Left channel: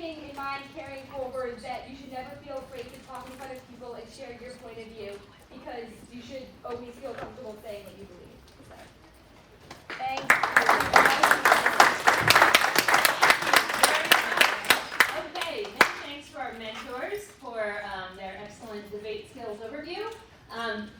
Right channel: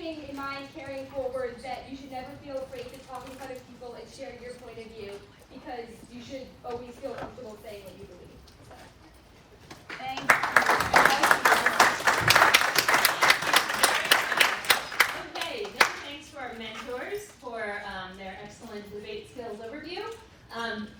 believing in mind, caring forward, that you should never feel afraid to talk in front of people and share your point of view, because you should always feel comfortable saying what you believe. So, thank you. Okay, many thanks for our mentors for their excellent debate skills overview.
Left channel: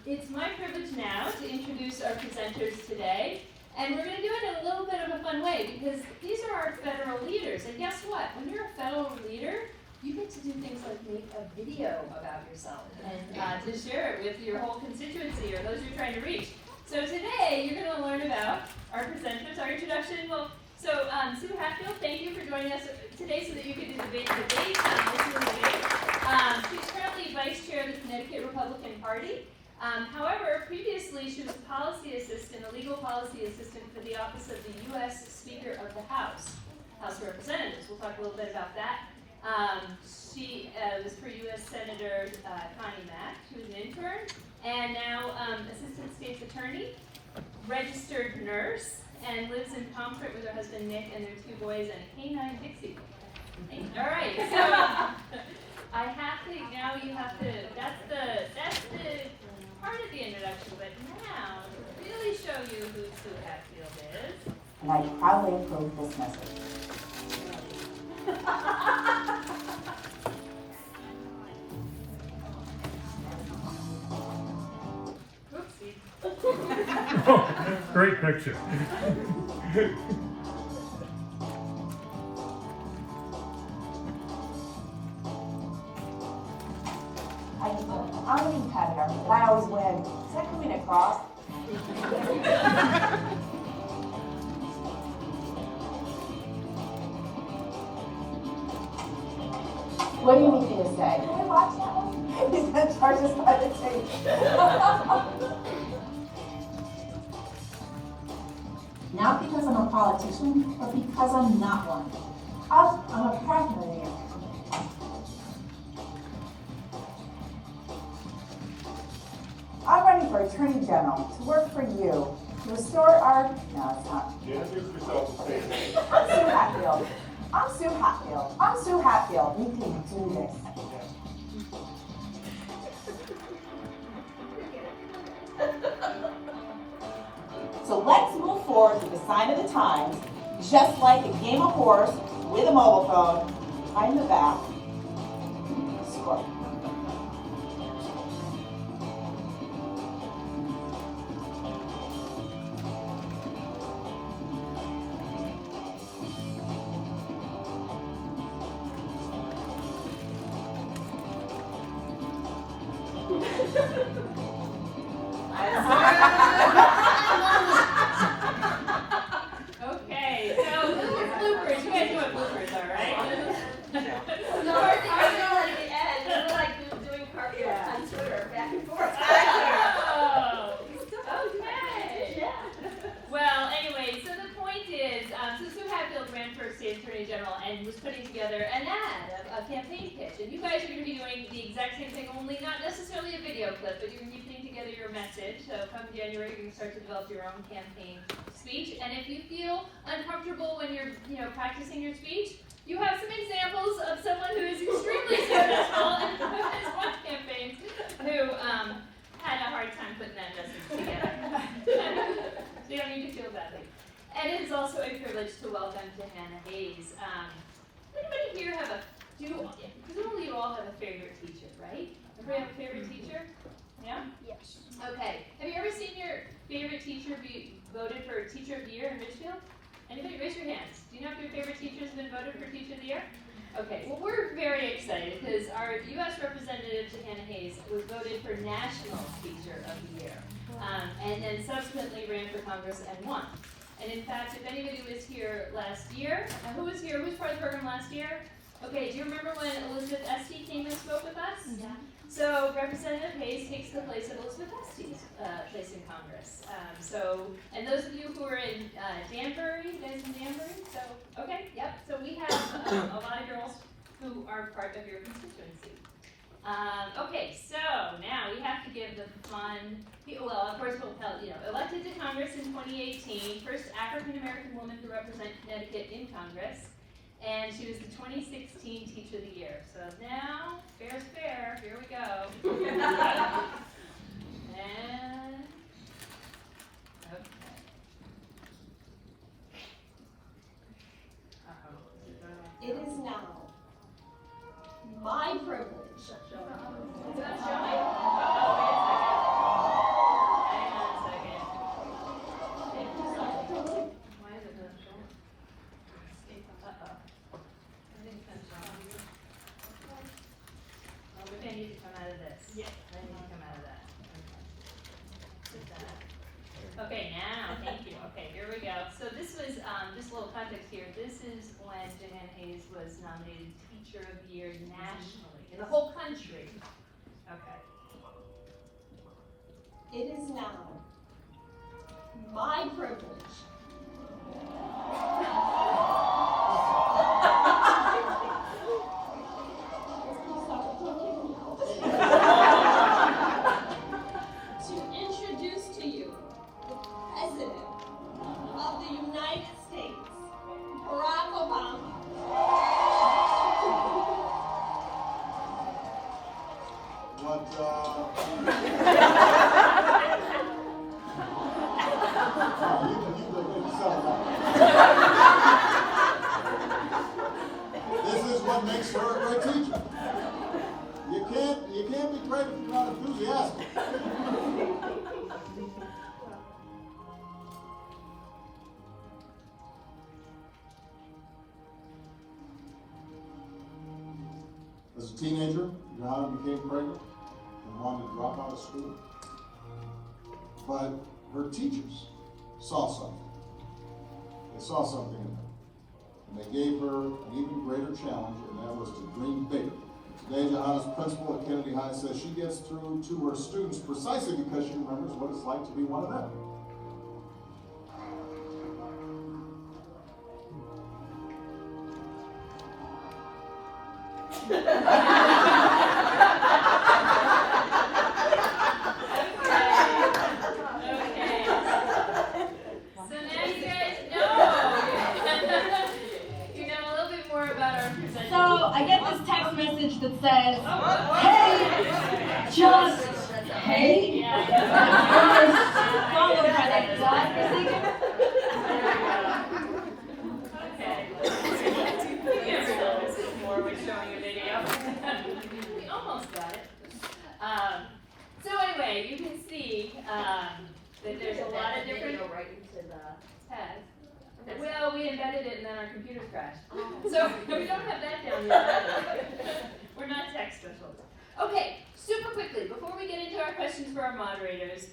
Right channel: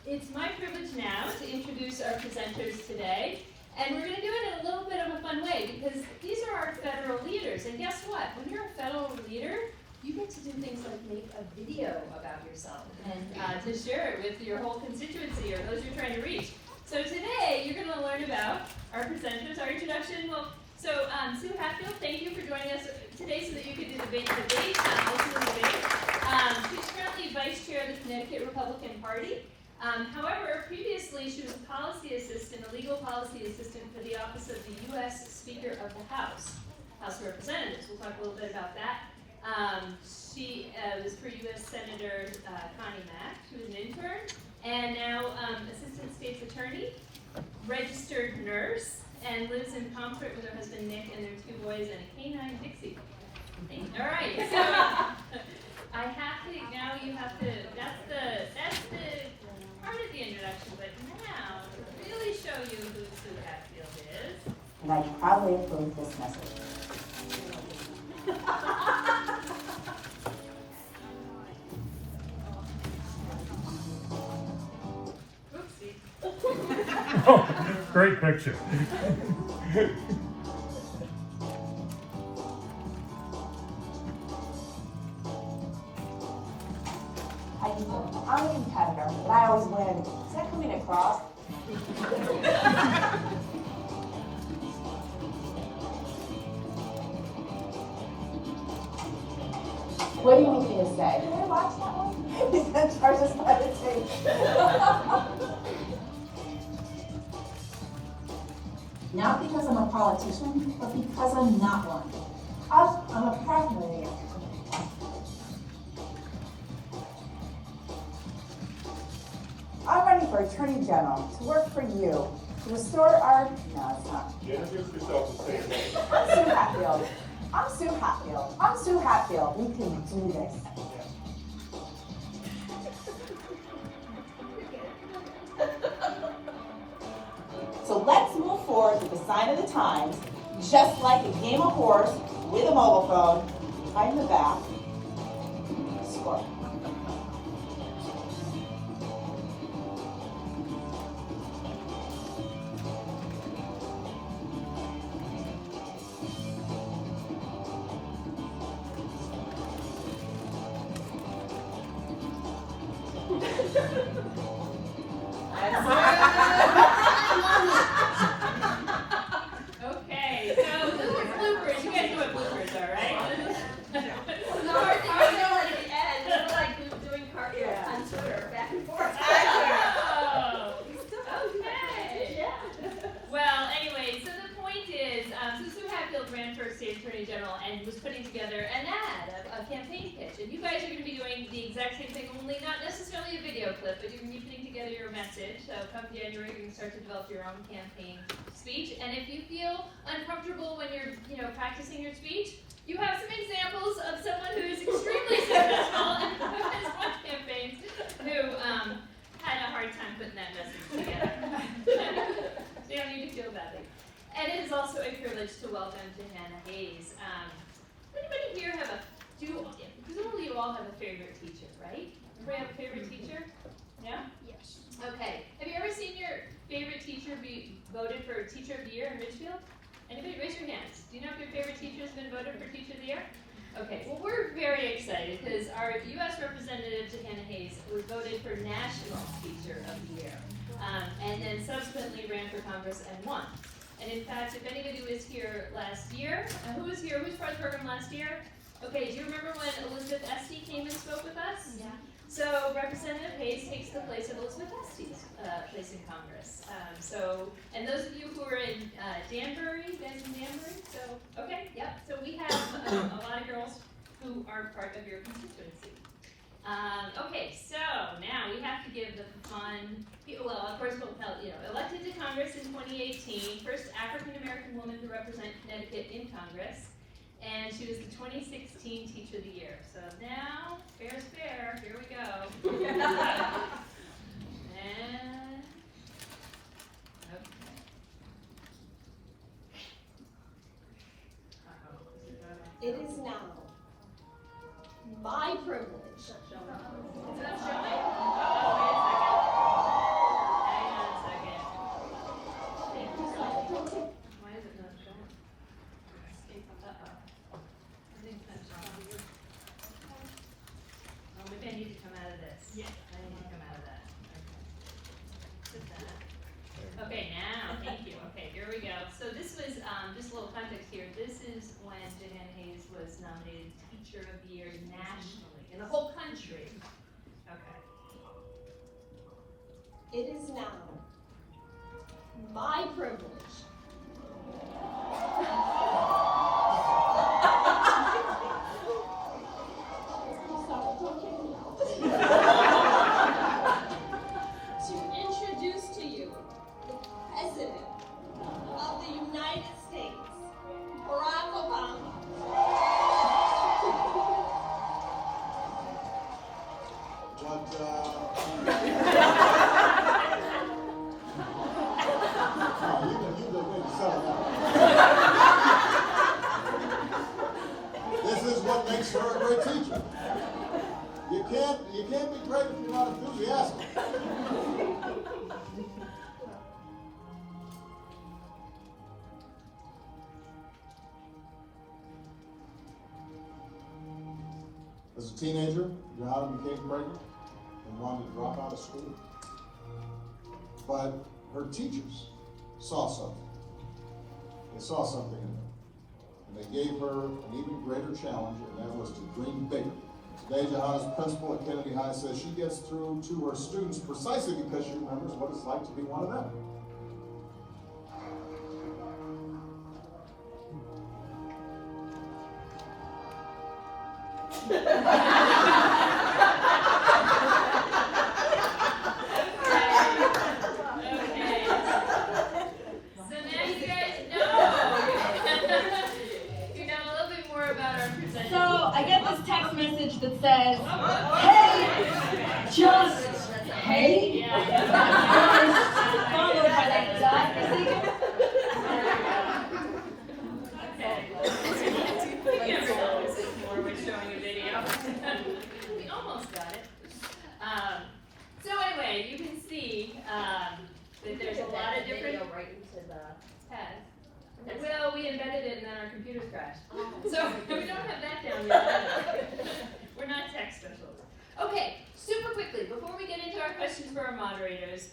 It's my privilege now to introduce our presenters today. And we're going to do it in a little bit of a fun way, because these are our federal leaders. And guess what? When you're a federal leader, you get to do things like make a video about yourself and to share it with your whole constituency or those you're trying to reach. So today, you're going to learn about our presenters, our introduction. Well, so Sue Hatfield, thank you for joining us today so that you could do the debate. She's currently vice chair of the Connecticut Republican Party. However, previously she was a policy assistant, a legal policy assistant for the office of the U.S. Speaker of the House of Representatives. We'll talk a little bit about that. She was for U.S. Senator Connie Mack. She was an intern, and now assistant state's attorney, registered nurse, and lives in Pomfret with her husband Nick and their 2 boys and a canine Dixie. All right, so I have to, now you have to, that's the part of the introduction, but now to really show you who Sue Hatfield is. And I proudly approve this message. Oopsie. Oh, great picture. I'm a competitor, and I always win. Is that coming across? What do you need me to say? Did I watch that one? He's going to charge us by the tape. Not because I'm a politician, but because I'm not one. I'm a pragmatist. I'm running for Attorney General to work for you, to restore our, no, it's not. Introduce yourself and say it. I'm Sue Hatfield. I'm Sue Hatfield. I'm Sue Hatfield. We can do this. So let's move forward with the sign of the times, just like a game of horse with a mobile phone, right in the back. Score. Okay, so bloopers. You guys know what bloopers are, right? The hard thing I know at the end is we're like doing cartwheels on Twitter, back and forth. Oh, okay. Well, anyway, so the point is, so Sue Hatfield ran for state attorney general and was putting together an ad, a campaign pitch, and you guys are going to be doing the exact same thing, only not necessarily a video clip, but you're going to be putting together your message. So come January, you're going to start to develop your own campaign speech, and if you feel uncomfortable when you're, practicing your speech, you have some examples of someone who is extremely successful and who has won campaigns who had a hard time putting that message together. So you don't need to feel badly. And it is also a privilege to welcome Jahana Hayes. Anybody here have presumably you all have a favorite teacher, right? Everybody have a favorite teacher? Yeah? Yes. Okay. Have you ever seen your favorite teacher be voted for Teacher of the Year in Richfield? Anybody? Raise your hands. Do you know if your favorite teacher has been voted for Teacher of the Year? Okay. Well, we're very excited because our U.S. Representative Jahana Hayes was voted for National Teacher of the Year, and then subsequently ran for Congress and won. And in fact, if anybody was here last year, who was here? Who was part of the program last year? Okay, do you remember when Elizabeth Esty came and spoke with us? Yeah. So Representative Hayes takes the place of Elizabeth Esty's place in Congress. And those of you who are in Danbury, you guys in Danbury? So, okay, yep. So we have a lot of girls who are part of your constituency. Okay, so now we have to give the fun, well, of course, we'll tell, elected to Congress in 2018, first African-American woman to represent Connecticut in Congress. and she was the 2016 Teacher of the Year. So now, fair's fair, here we go. And, okay. It is now my privilege. Is that showing? Hang on a second. Why is it not showing? Uh-oh. I think it's not showing. Oh, maybe I need to come out of this. Yes. I need to come out of that. Okay, now, thank you. Okay, here we go. So this was, just a little context here. This is when Jahana Hayes was nominated Teacher of the Year nationally, in the whole country. Okay. It is now my privilege. To introduce to you the President of the United States, Barack Obama. This is what makes her a great teacher. You can't be great if you're not enthusiastic. As a teenager, Jahana became pregnant and wanted to drop out of school. But her teachers saw something. They saw something in her. And they gave her an even greater challenge, and that was to dream bigger. Today, Jahana's principal at Kennedy High says she gets through to her students precisely because she remembers what it's like to be one of them. I get this text message that says, hey, just hey, followed by a dot sign. We're showing a video. We almost got it. So anyway, you can see that there's a lot of different right into the tests. Well, we embedded it and then our computers crashed. So we don't have that down yet. We're not tech specialists. Okay, super quickly, before we get into our questions for our moderators,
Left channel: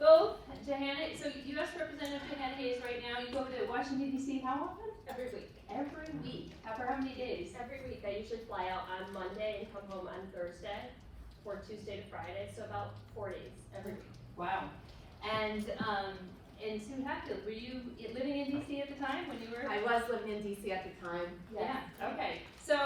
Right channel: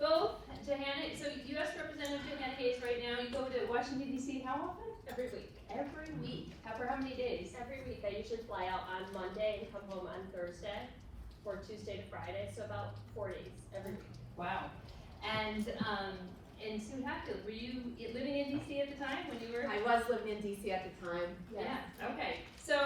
both Jahana, so U.S. Representative Jahana Hayes right now, you go to Washington, D.C. how often? every week. Every week. For how many days? Every week, I usually fly out on Monday and come home on Thursday, or Tuesday to Friday, so about 4 days every week. Wow. And Sue Hatfield, were you living in DC at the time when you were? I was living in DC at the time. Yeah, okay. So,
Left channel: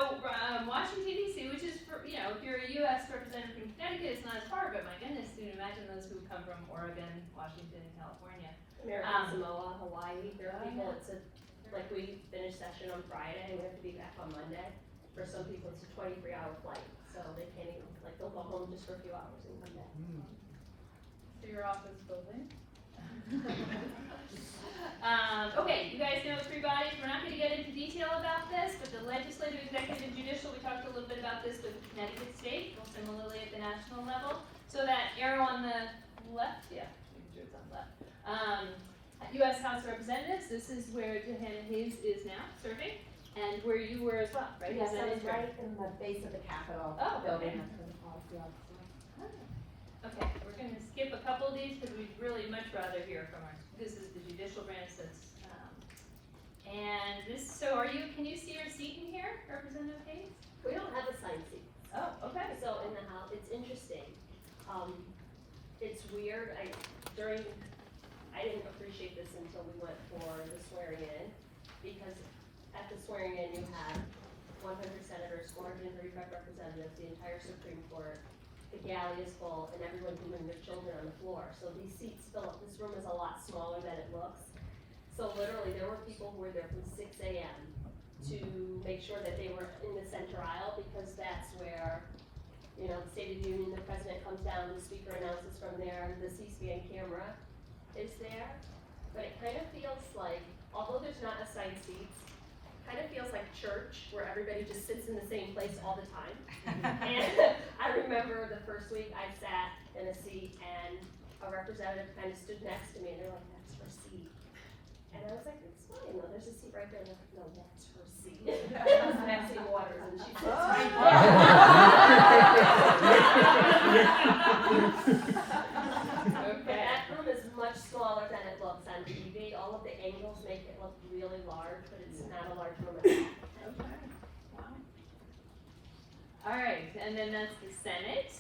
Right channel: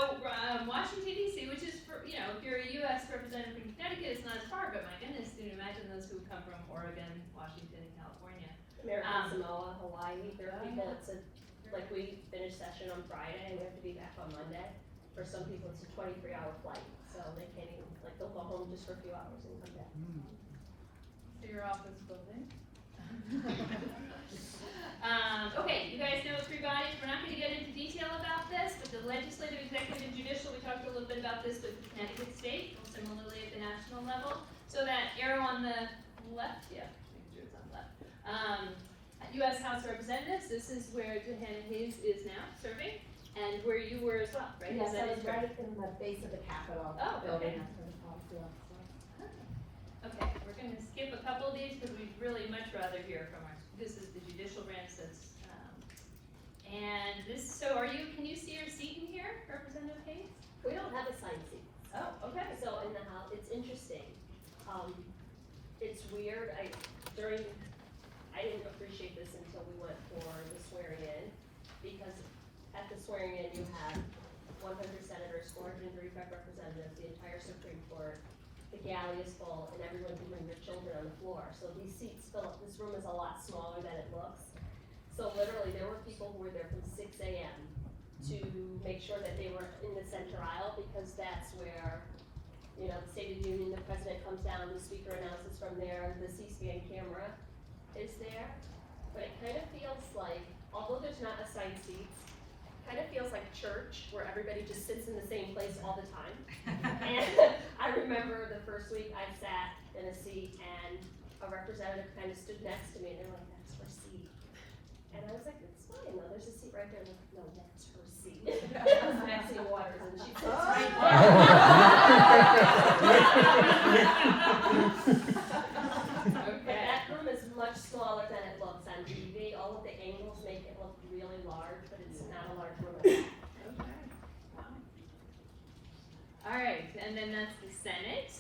Washington DC, which is for, if you're a US representative from Connecticut, it's not as far, but my goodness, you can imagine those who come from Oregon, Washington, and California. American Samoa, Hawaii, there are people, like we finish session on Friday and we have to be back on Monday. For some people, it's a 23-hour flight, so they can't even, they'll go home just for a few hours and come back. So your office building? Okay, you guys know three bodies. We're not going to get into detail about this, but the legislative, executive, and judicial, we talked a little bit about this with Connecticut State, similarly at the national level. So that arrow on the left, yeah, it's on the left. U.S. House of Representatives, this is where Jahana Hayes is now serving, and where you were as well, right? Yes, Is that I was correct? right in the base of the Capitol Oh, building. okay. Okay, we're going to skip a couple of these because we'd really much rather hear from our, this is the judicial branch that's, and this, so can you see our seat in here, Representative Hayes? We don't have assigned seats. Oh, okay. So in the House, it's interesting. It's weird, I didn't appreciate this until we went for the swearing in, because at the swearing in, you have 100 senators, 435 representatives, the entire Supreme Court, the galley is full, and everyone's doing their children on the floor. So these seats fill up, this room is a lot smaller than it looks. So literally, there were people who were there from 6 a.m. to make sure that they were in the center aisle, because that's where, you know, the State of the Union, the president comes down, the speaker announces from there, the C-SPAN camera is there. But it kind of feels like, although there's not assigned seats, kind of feels like church, where everybody just sits in the same place all the time. And I remember the first week I sat in a seat and a representative kind of stood next to me, and they're like, "That's her seat." And I was like, "It's fine, no, there's a seat right there." And they're like, "No, that's her seat." It was Maxine Waters, and she sits right there. But that room is much smaller than it looks on TV. All of the angles make it look really large, but it's not a large room at all. Okay. Wow. All right, and then that's the Senate.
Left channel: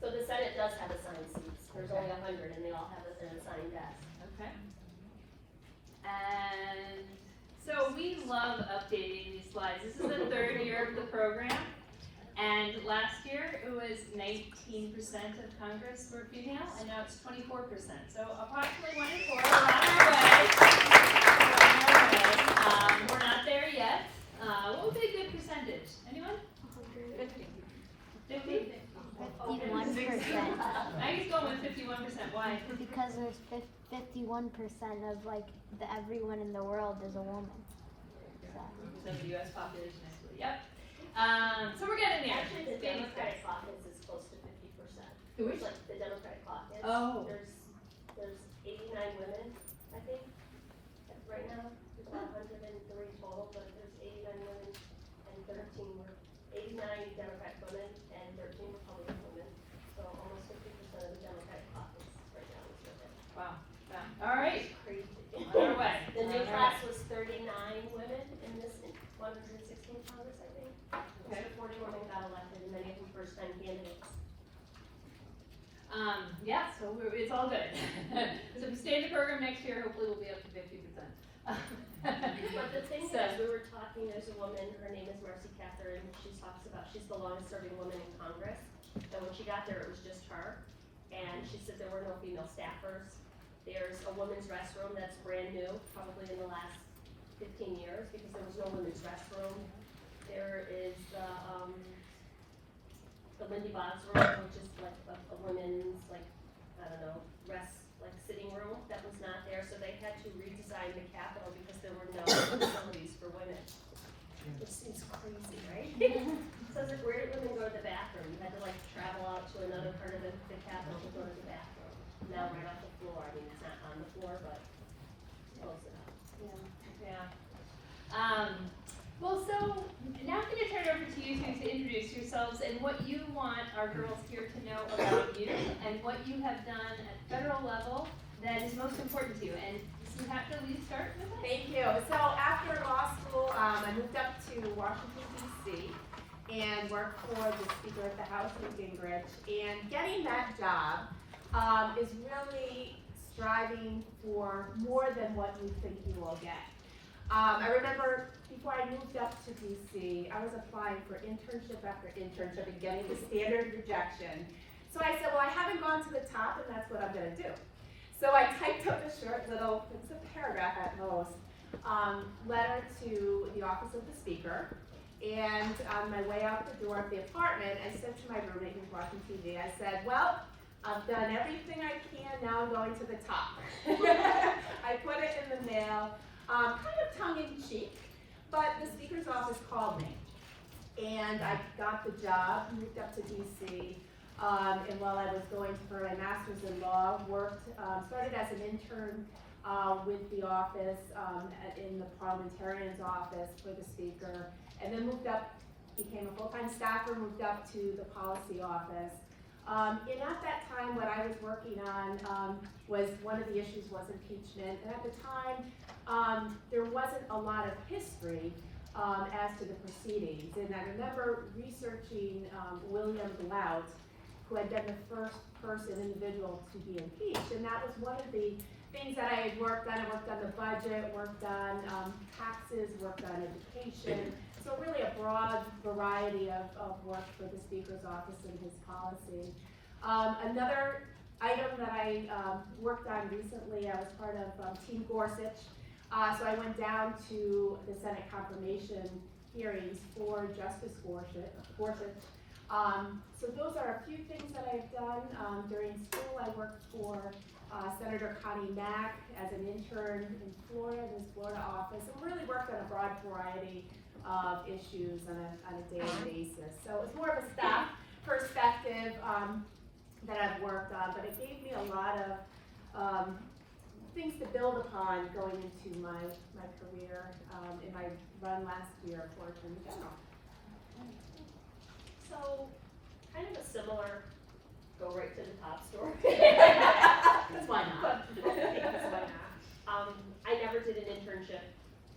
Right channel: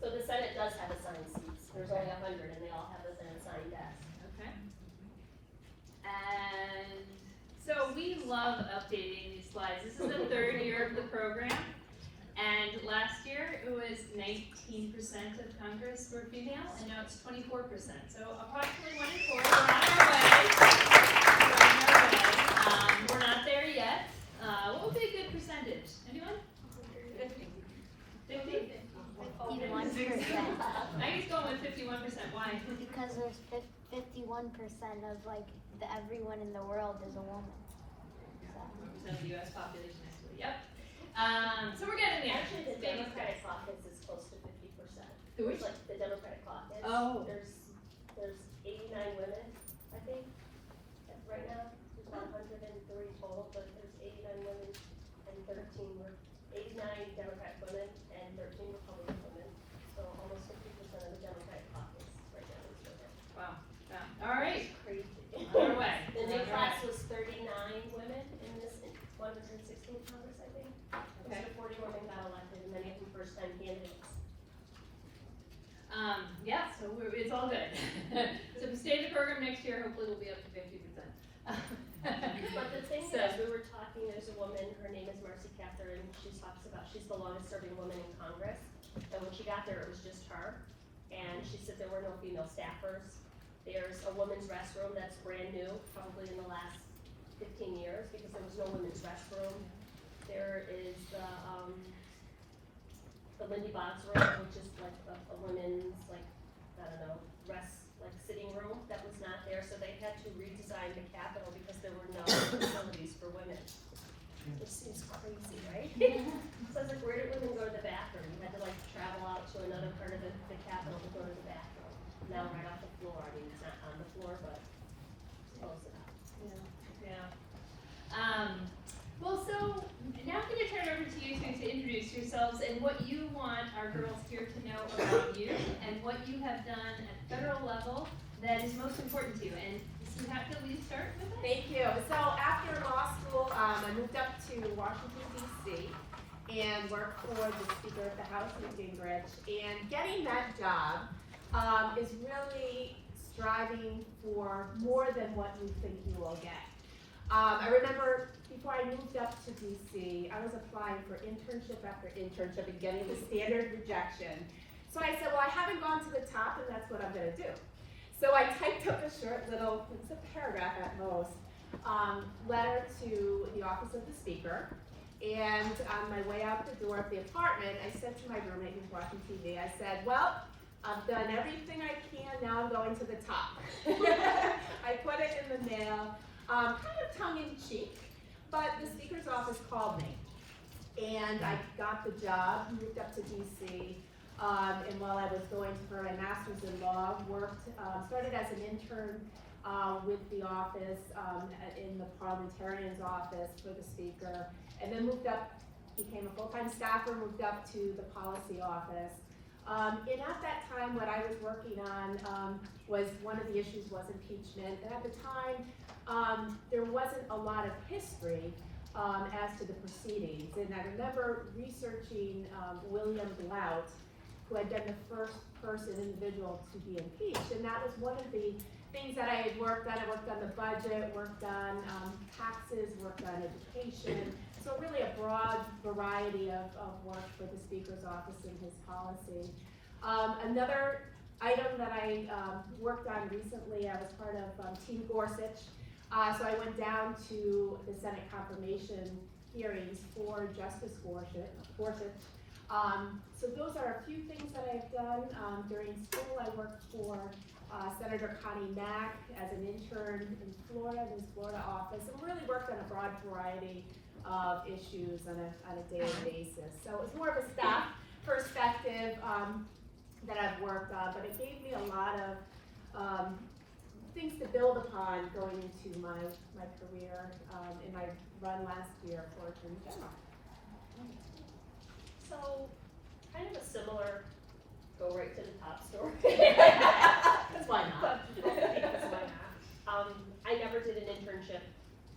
So the Senate does have assigned seats. There's only 100, and they all have an assigned desk. Okay. And so we love updating these slides. This is the third year of the program. And last year, it was 19% of Congress were female, and now it's 24%. So approximately 1 in 4, we're on our way. We're not there yet. What would be a good percentage? Anyone? 50? 51%. I was going with 51%. Why? Because there's 51% of like everyone in the world is a woman. So the U.S. population is, yep. So we're getting there. Actually, the Baby Democratic steps. caucus is close to 50%. The which? Like the Democratic caucus. Oh. There's 89 women, I think, right now. There's about 103 total, but there's 89 women and 89 Democratic women and 13 Republican women. So almost 50% of the Democratic caucus right now is women. Wow. Yeah. All right. It's crazy. On our way. The new All class right. was 39 women in this 116 Congress, I think. Okay. So 40 women got elected, and many of them first-time candidates. Yeah, so it's all good. So if we stay in the program next year, hopefully we'll be up to 50%. But the thing So- is, we were talking, there's a woman, her name is Marcy Catherine, she talks about, she's the longest-serving woman in Congress, and when she got there, it was just her, and she said there were no female staffers. There's a women's restroom that's brand new, probably in the last 15 years, because there was no women's restroom. There is the Lindy Boggs room, which is like a women's, like, I don't know, sitting room that was not there, so they had to redesign the Capitol because there were no facilities for women. Which seems crazy, right? So I was like, where did women go to the bathroom? You had to like travel out to another part of the Capitol to go to the bathroom. Now right off the floor, I mean, it's not on the floor, but close enough. Yeah. Well, so now I'm going to turn it over to you two to introduce yourselves and what you want our girls here to know about you and what you have done at federal level that is most important to you. And so you have to lead start with us. Thank you. So after law school, I moved up to Washington, D.C. and worked for the Speaker of the House, Newt Gingrich. And getting that job is really striving for more than what you think you will get. I remember before I moved up to DC, I was applying for internship after internship and getting the standard rejection. So I said, well, I haven't gone to the top, and that's what I'm going to do. So I typed up a short little, it's a paragraph at most, letter to the office of the speaker. And on my way out the door of the apartment, I said to my roommate who's watching TV, I said, well, I've done everything I can, now I'm going to the top. I put it in the mail. Kind of tongue-in-cheek, but the speaker's office called me, and I got the job, moved up to DC, and while I was going for my master's in law, started as an intern with the office, in the parliamentarian's office for the speaker, and then moved up, became a full-time staffer, moved up to the policy office. And at that time, what I was working on was, one of the issues was impeachment, and at the time, there wasn't a lot of history as to the proceedings. And I remember researching William Blount, who had been the first individual to be impeached. And that was one of the things that I had worked on. I worked on the budget, worked on taxes, worked on education. So really a broad variety of work for the Speaker's office and his policy. Another item that I worked on recently, I was part of Team Gorsuch. So I went down to the Senate confirmation hearings for Justice Gorsuch. So those are a few things that I've done. During school, I worked for Senator Connie Mack as an intern in Florida, in his Florida office, and really worked on a broad variety of issues on a daily basis. So it's more of a staff perspective that I've worked on, but it gave me a lot of things to build upon going into my career in my run last year for Attorney General. So, kind of a similar go right to the top story. Because why not? Because why not? I never did an internship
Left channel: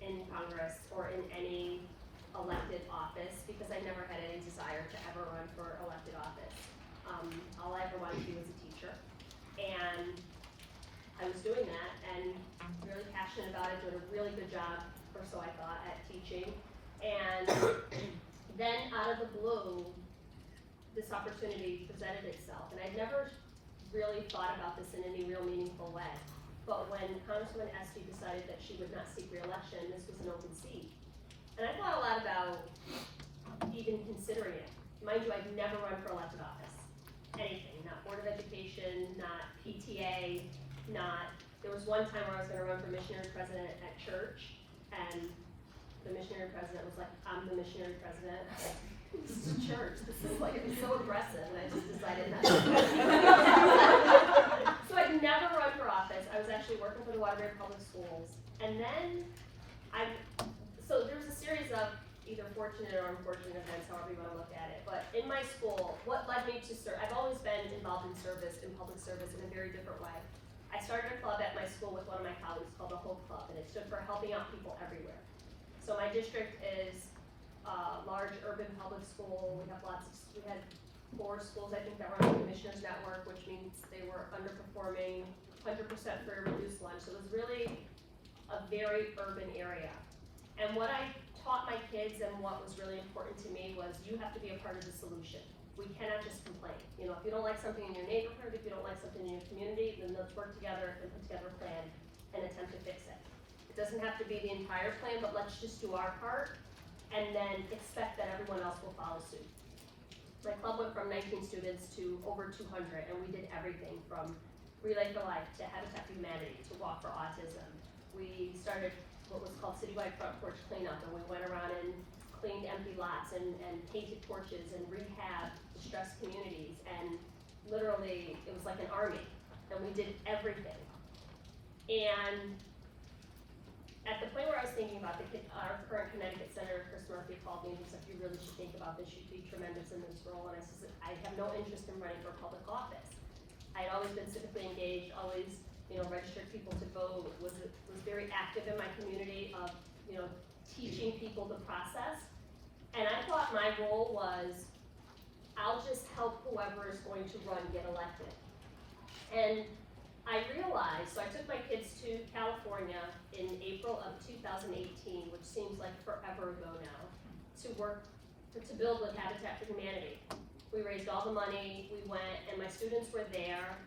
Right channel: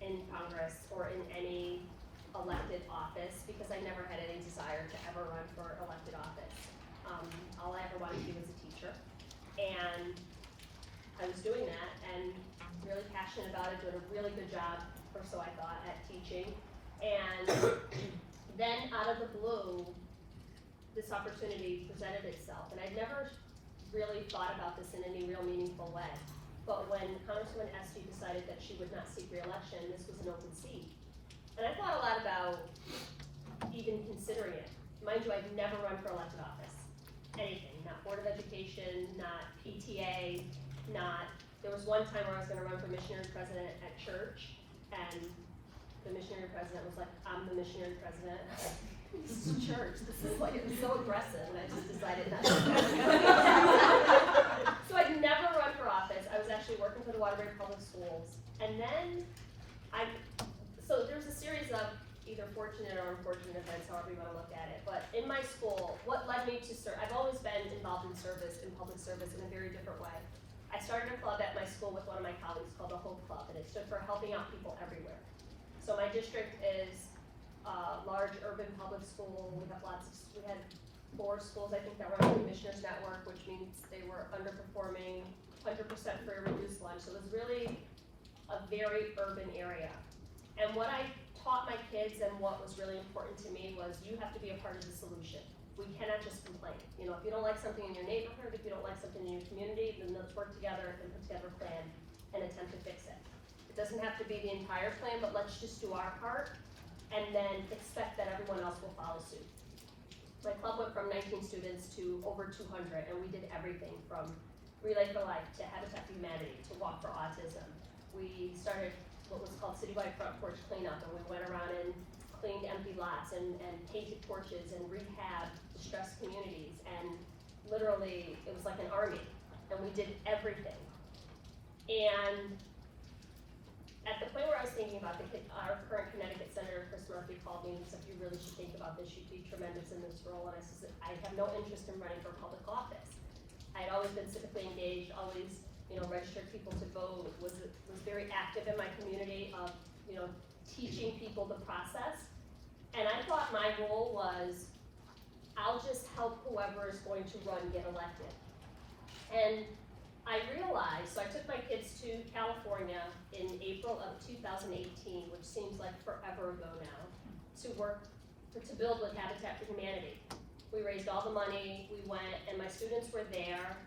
in Congress or in any elected office because I never had any desire to ever run for elected office. All I ever wanted to do was a teacher. And I was doing that and really passionate about it, doing a really good job, or so I thought, at teaching. And then out of the blue, this opportunity presented itself. And I'd never really thought about this in any real meaningful way. But when Congresswoman Esty decided that she would not seek re-election, this was an open seat. And I thought a lot about even considering it. Mind you, I've never run for elected office. Anything, not Board of Education, not PTA, there was one time where I was gonna run for missionary president at church, and the missionary president was like, I'm the missionary president. This is church, this is like, it was so aggressive, and I just decided not to. So I'd never run for office. I was actually working for the Waterbury Public Schools, and then so there's a series of either fortunate or unfortunate events, however you want to look at it. But in my school, what led me to serve, I've always been involved in service, in public service, in a very different way. I started a club at my school with one of my colleagues called the Hope Club, and it stood for helping out people everywhere. So my district is a large urban public school. We had 4 schools, I think, that were on the Commissioners Network, which means they were underperforming, 100% free or reduced lunch. So it was really a very urban area. And what I taught my kids and what was really important to me was you have to be a part of the solution. We cannot just complain. You know, if you don't like something in your neighborhood, if you don't like something in your community, then let's work together and put together a plan and attempt to fix it. It doesn't have to be the entire plan, but let's just do our part and then expect that everyone else will follow suit. My club went from 19 students to over 200, and we did everything from Relay for Life to Habitat for Humanity to Walk for Autism. We started what was called Citywide Front Porch Cleanup, and we went around and cleaned empty lots and painted porches and rehabbed distressed communities, and literally it was like an army, and we did everything. And at the point where I was thinking about our current Connecticut Senator, Chris Murphy, called me and he said, you really should think about this, you'd be tremendous in this role. And I said, I have no interest in running for public office. I had always been civically engaged, always, registered people to vote, was very active in my community of, teaching people the process. And I thought my role was, I'll just help whoever is going to run get elected. And I realized, so I took my kids to California in April of 2018, which seems like forever ago now, to build with Habitat for Humanity. We raised all the money, we went, and my students were there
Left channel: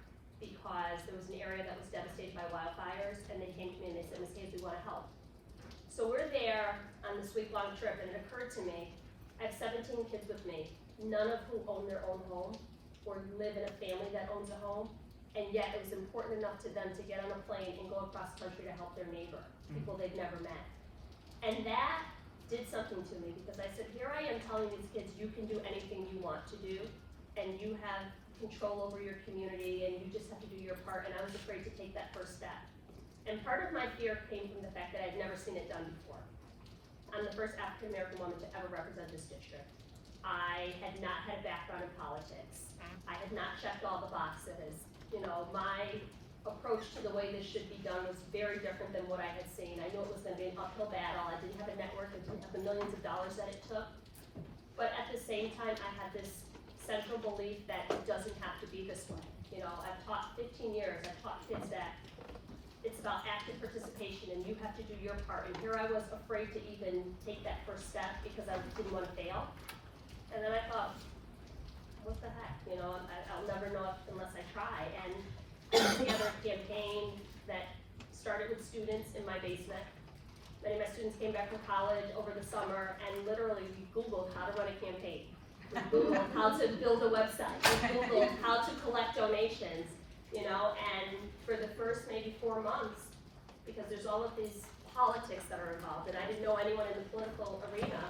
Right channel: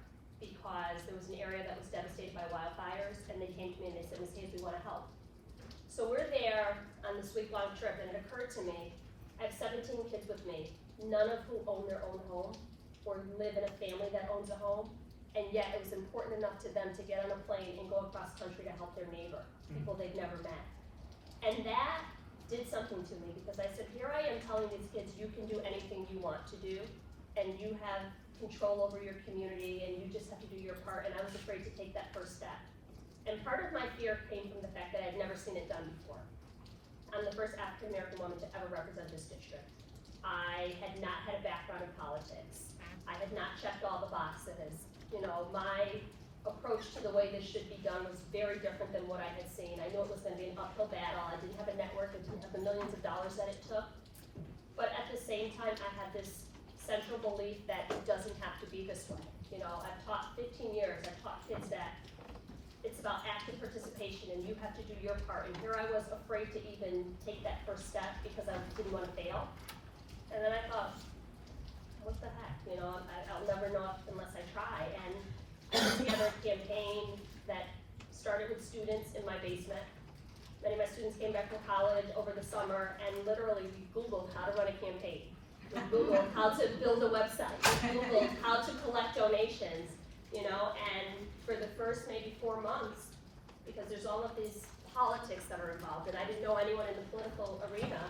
because there was an area that was devastated by wildfires, and they came to me and they said, Ms. Hayes, we want to help. So we're there on this week-long trip, and it occurred to me, I have 17 kids with me, none of whom own their own home or live in a family that owns a home, and yet it was important enough to them to get on a plane and go across country to help their neighbor, people they've never met. And that did something to me, because I said, here I am telling these kids, you can do anything you want to do, and you have control over your community, and you just have to do your part, and I was afraid to take that first step. And part of my fear came from the fact that I'd never seen it done before. I'm the first African-American woman to ever represent this district. I had not had a background in politics. I had not checked all the boxes. My approach to the way this should be done was very different than what I had seen. I knew it was gonna be an uphill battle. I didn't have a network, I didn't have the millions of dollars that it took. But at the same time, I had this central belief that it doesn't have to be this way. I've taught 15 years, I've taught kids that it's about active participation and you have to do your part. And here I was afraid to even take that first step because I didn't want to fail. And then I thought, what the heck, I'll never know unless I try. And put together a campaign that started with students in my basement Many of my students came back from college over the summer and literally we Googled how to run a campaign. We Googled how to build a website. We Googled how to collect donations, you know, and for the first maybe 4 months, because there's all of these politics that are involved, and I didn't know anyone in the political arena,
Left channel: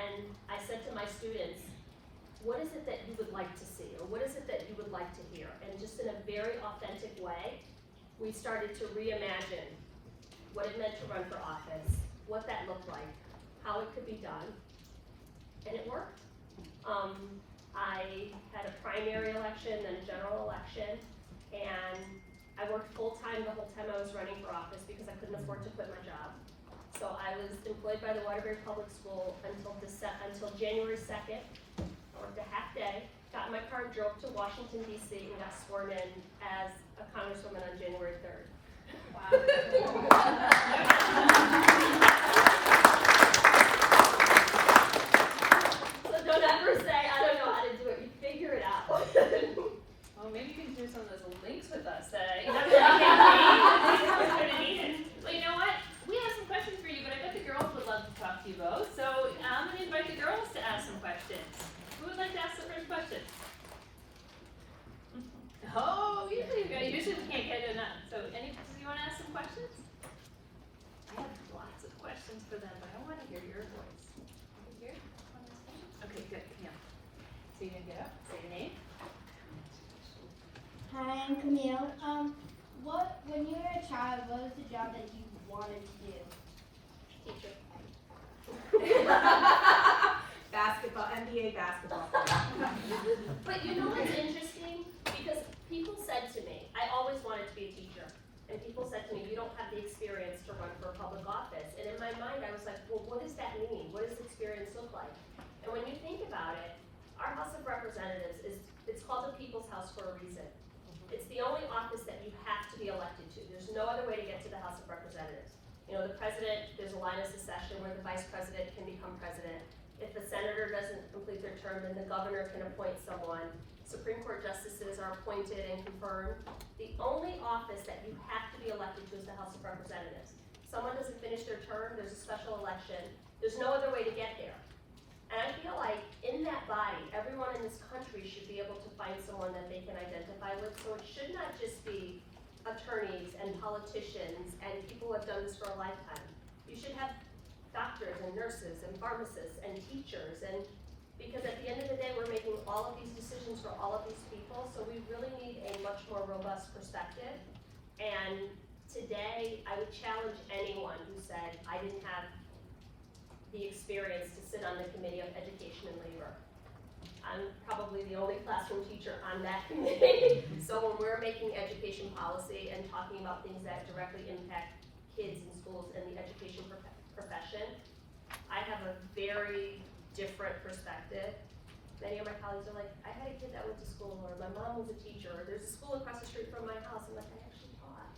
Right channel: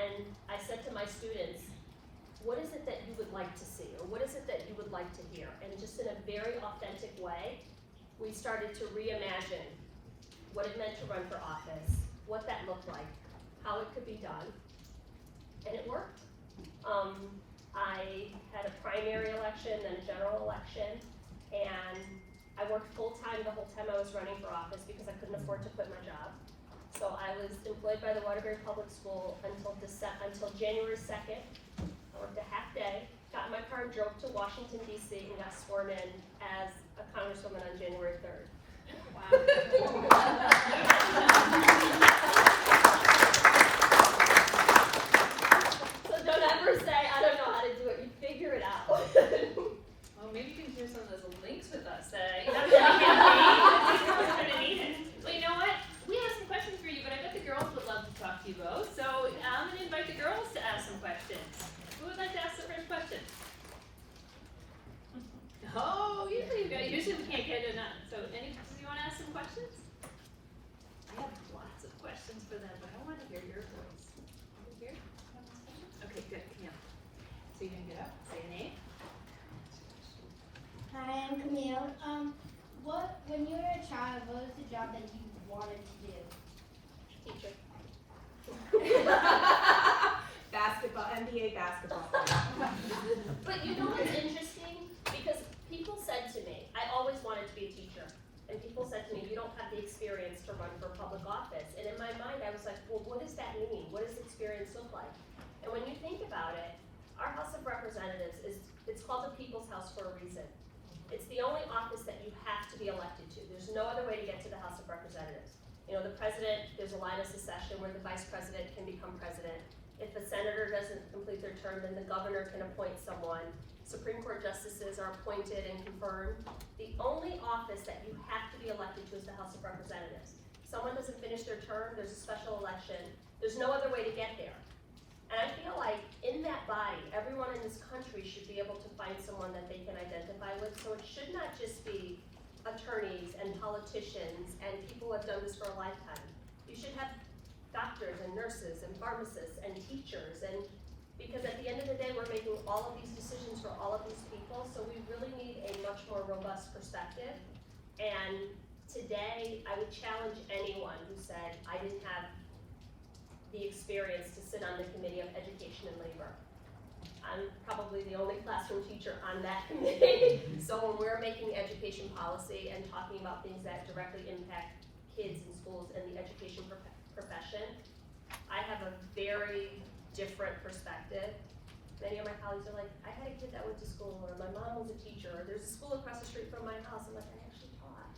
and I said to my students, what is it that you would like to see, or what is it that you would like to hear? And just in a very authentic way, we started to reimagine what it meant to run for office, what that looked like, how it could be done, and it worked. I had a primary election, then a general election, and I worked full-time the whole time I was running for office because I couldn't afford to quit my job. So I was employed by the Waterbury Public School until January 2nd. I worked a half day, got in my car and drove to Washington, D.C. and got sworn in as a congresswoman on January 3rd. So don't ever say, I don't know how to do it, you figure it out. Well, maybe you can do some of those links with us. You know, well, you know what? We have some questions for you, but I bet the girls would love to talk to you both. So I'm going to invite the girls to ask some questions. Who would like to ask the first question? Oh, usually we can't get it enough. So, do you want to ask some questions? I have lots of questions for them, but I want to hear your voice. Over here? Okay, good. Yeah. So you can get up, say your name. Hi, I'm Camille. When you were a child, what was the job that you wanted to do? Teacher. Basketball, NBA basketball. But you know what's interesting? Because people said to me, I always wanted to be a teacher. And people said to me, you don't have the experience to run for a public office. And in my mind, I was like, well, what does that mean? What does experience look like? And when you think about it, our House of Representatives it's called the People's House for a reason. It's the only office that you have to be elected to. There's no other way to get to the House of Representatives. You know, the president, there's a line of succession where the vice president can become president. If the senator doesn't complete their term, then the governor can appoint someone. Supreme Court justices are appointed and confirmed. The only office that you have to be elected to is the House of Representatives. Someone doesn't finish their term, there's a special election. There's no other way to get there. And I feel like in that body, everyone in this country should be able to find someone that they can identify with. So it should not just be attorneys and politicians and people who have done this for a lifetime. You should have doctors and nurses and pharmacists and teachers, and because at the end of the day, we're making all of these decisions for all of these people, so we really need a much more robust perspective. And today, I would challenge anyone who said, I didn't have the experience to sit on the Committee of Education and Labor. I'm probably the only classroom teacher on that committee. So when we're making education policy and talking about things that directly impact kids in schools and the education profession, I have a very different perspective. Many of my colleagues are like, I had a kid that went to school, or my mom was a teacher, or there's a school across the street from my house. I'm like, I actually taught.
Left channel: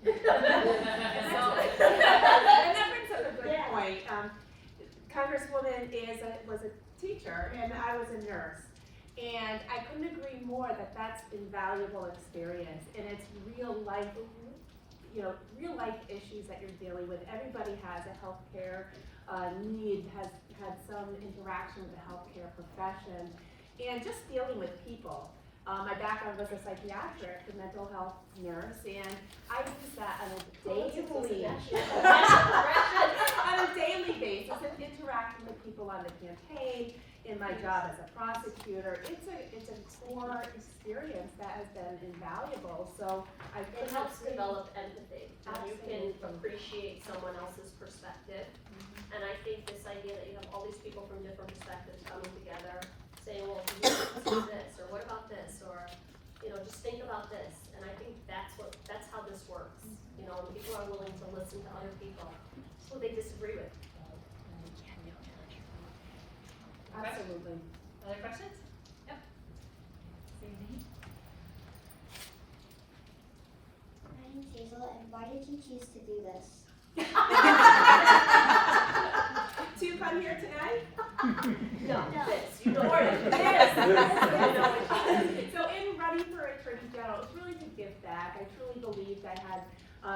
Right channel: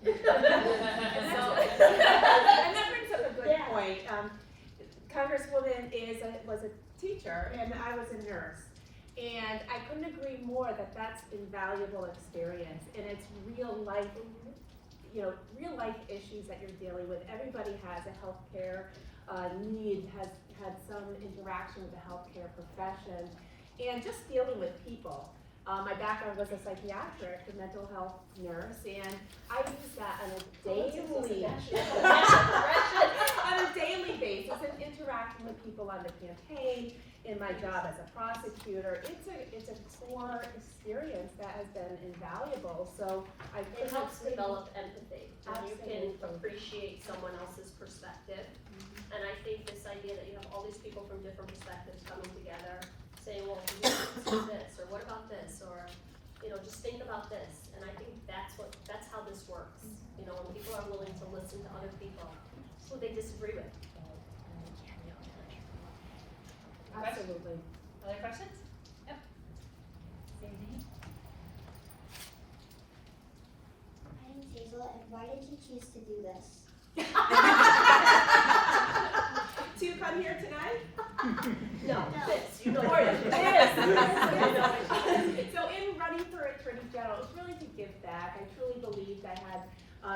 And that brings up a good Yeah. point. Congresswoman was a teacher, and I was a nurse. And I couldn't agree more that that's invaluable experience, and it's real life, real life issues that you're dealing with. Everybody has a healthcare need, has had some interaction with the healthcare profession, and just dealing with people. My background was a psychiatric, a mental health nurse, and I use that on a daily basis and interacting with people on the campaign, in my job as a prosecutor. It's a core experience that has been invaluable. So it helps develop empathy. And you can Absolutely. appreciate someone else's perspective. And I think this idea that you have all these people from different perspectives coming together, saying, well, do you consider this, or what about this, or just think about this. And I think that's how this works. When people are willing to listen to other people, who they disagree with. absolutely. Other questions? Yep. Say your name. My name's Hazel, and why did you choose to do this? To come here tonight? No, this, Or this. So in running for Attorney General, it was really to give back. I truly believed I had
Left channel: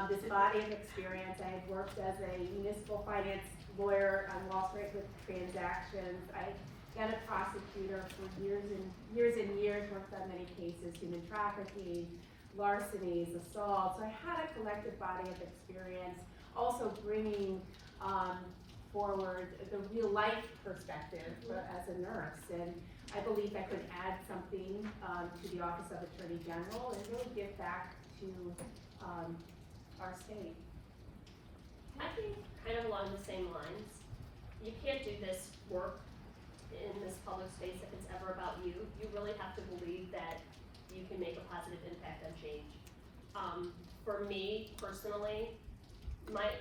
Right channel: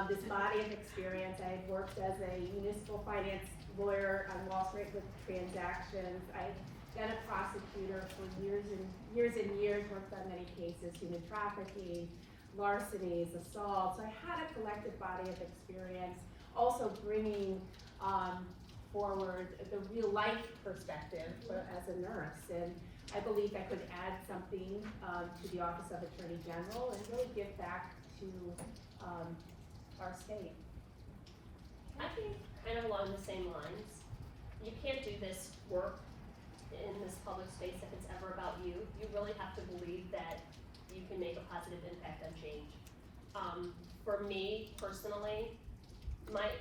this body of experience. I had worked as a municipal finance lawyer on Wall Street with transactions. I've been a prosecutor for years and years, worked on many cases, human trafficking, larcenies, assaults. So I had a collective body of experience, also bringing forward the real life perspective as a nurse. And I believe I could add something to the Office of Attorney General and really give back to our state. I think kind of along the same lines. You can't do this work in this public space if it's ever about you. You really have to believe that you can make a positive impact on change. For me personally,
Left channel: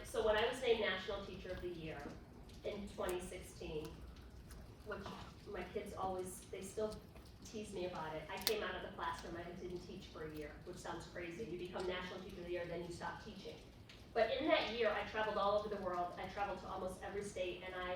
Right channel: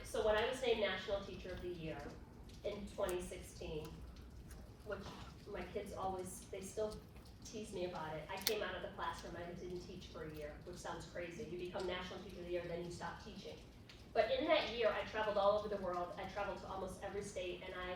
so when I was named National Teacher of the Year in 2016, which my kids they still tease me about it. I came out of the classroom, I didn't teach for a year, which sounds crazy. You become National Teacher of the Year, then you stop teaching. But in that year, I traveled all over the world. I traveled to almost every state, and I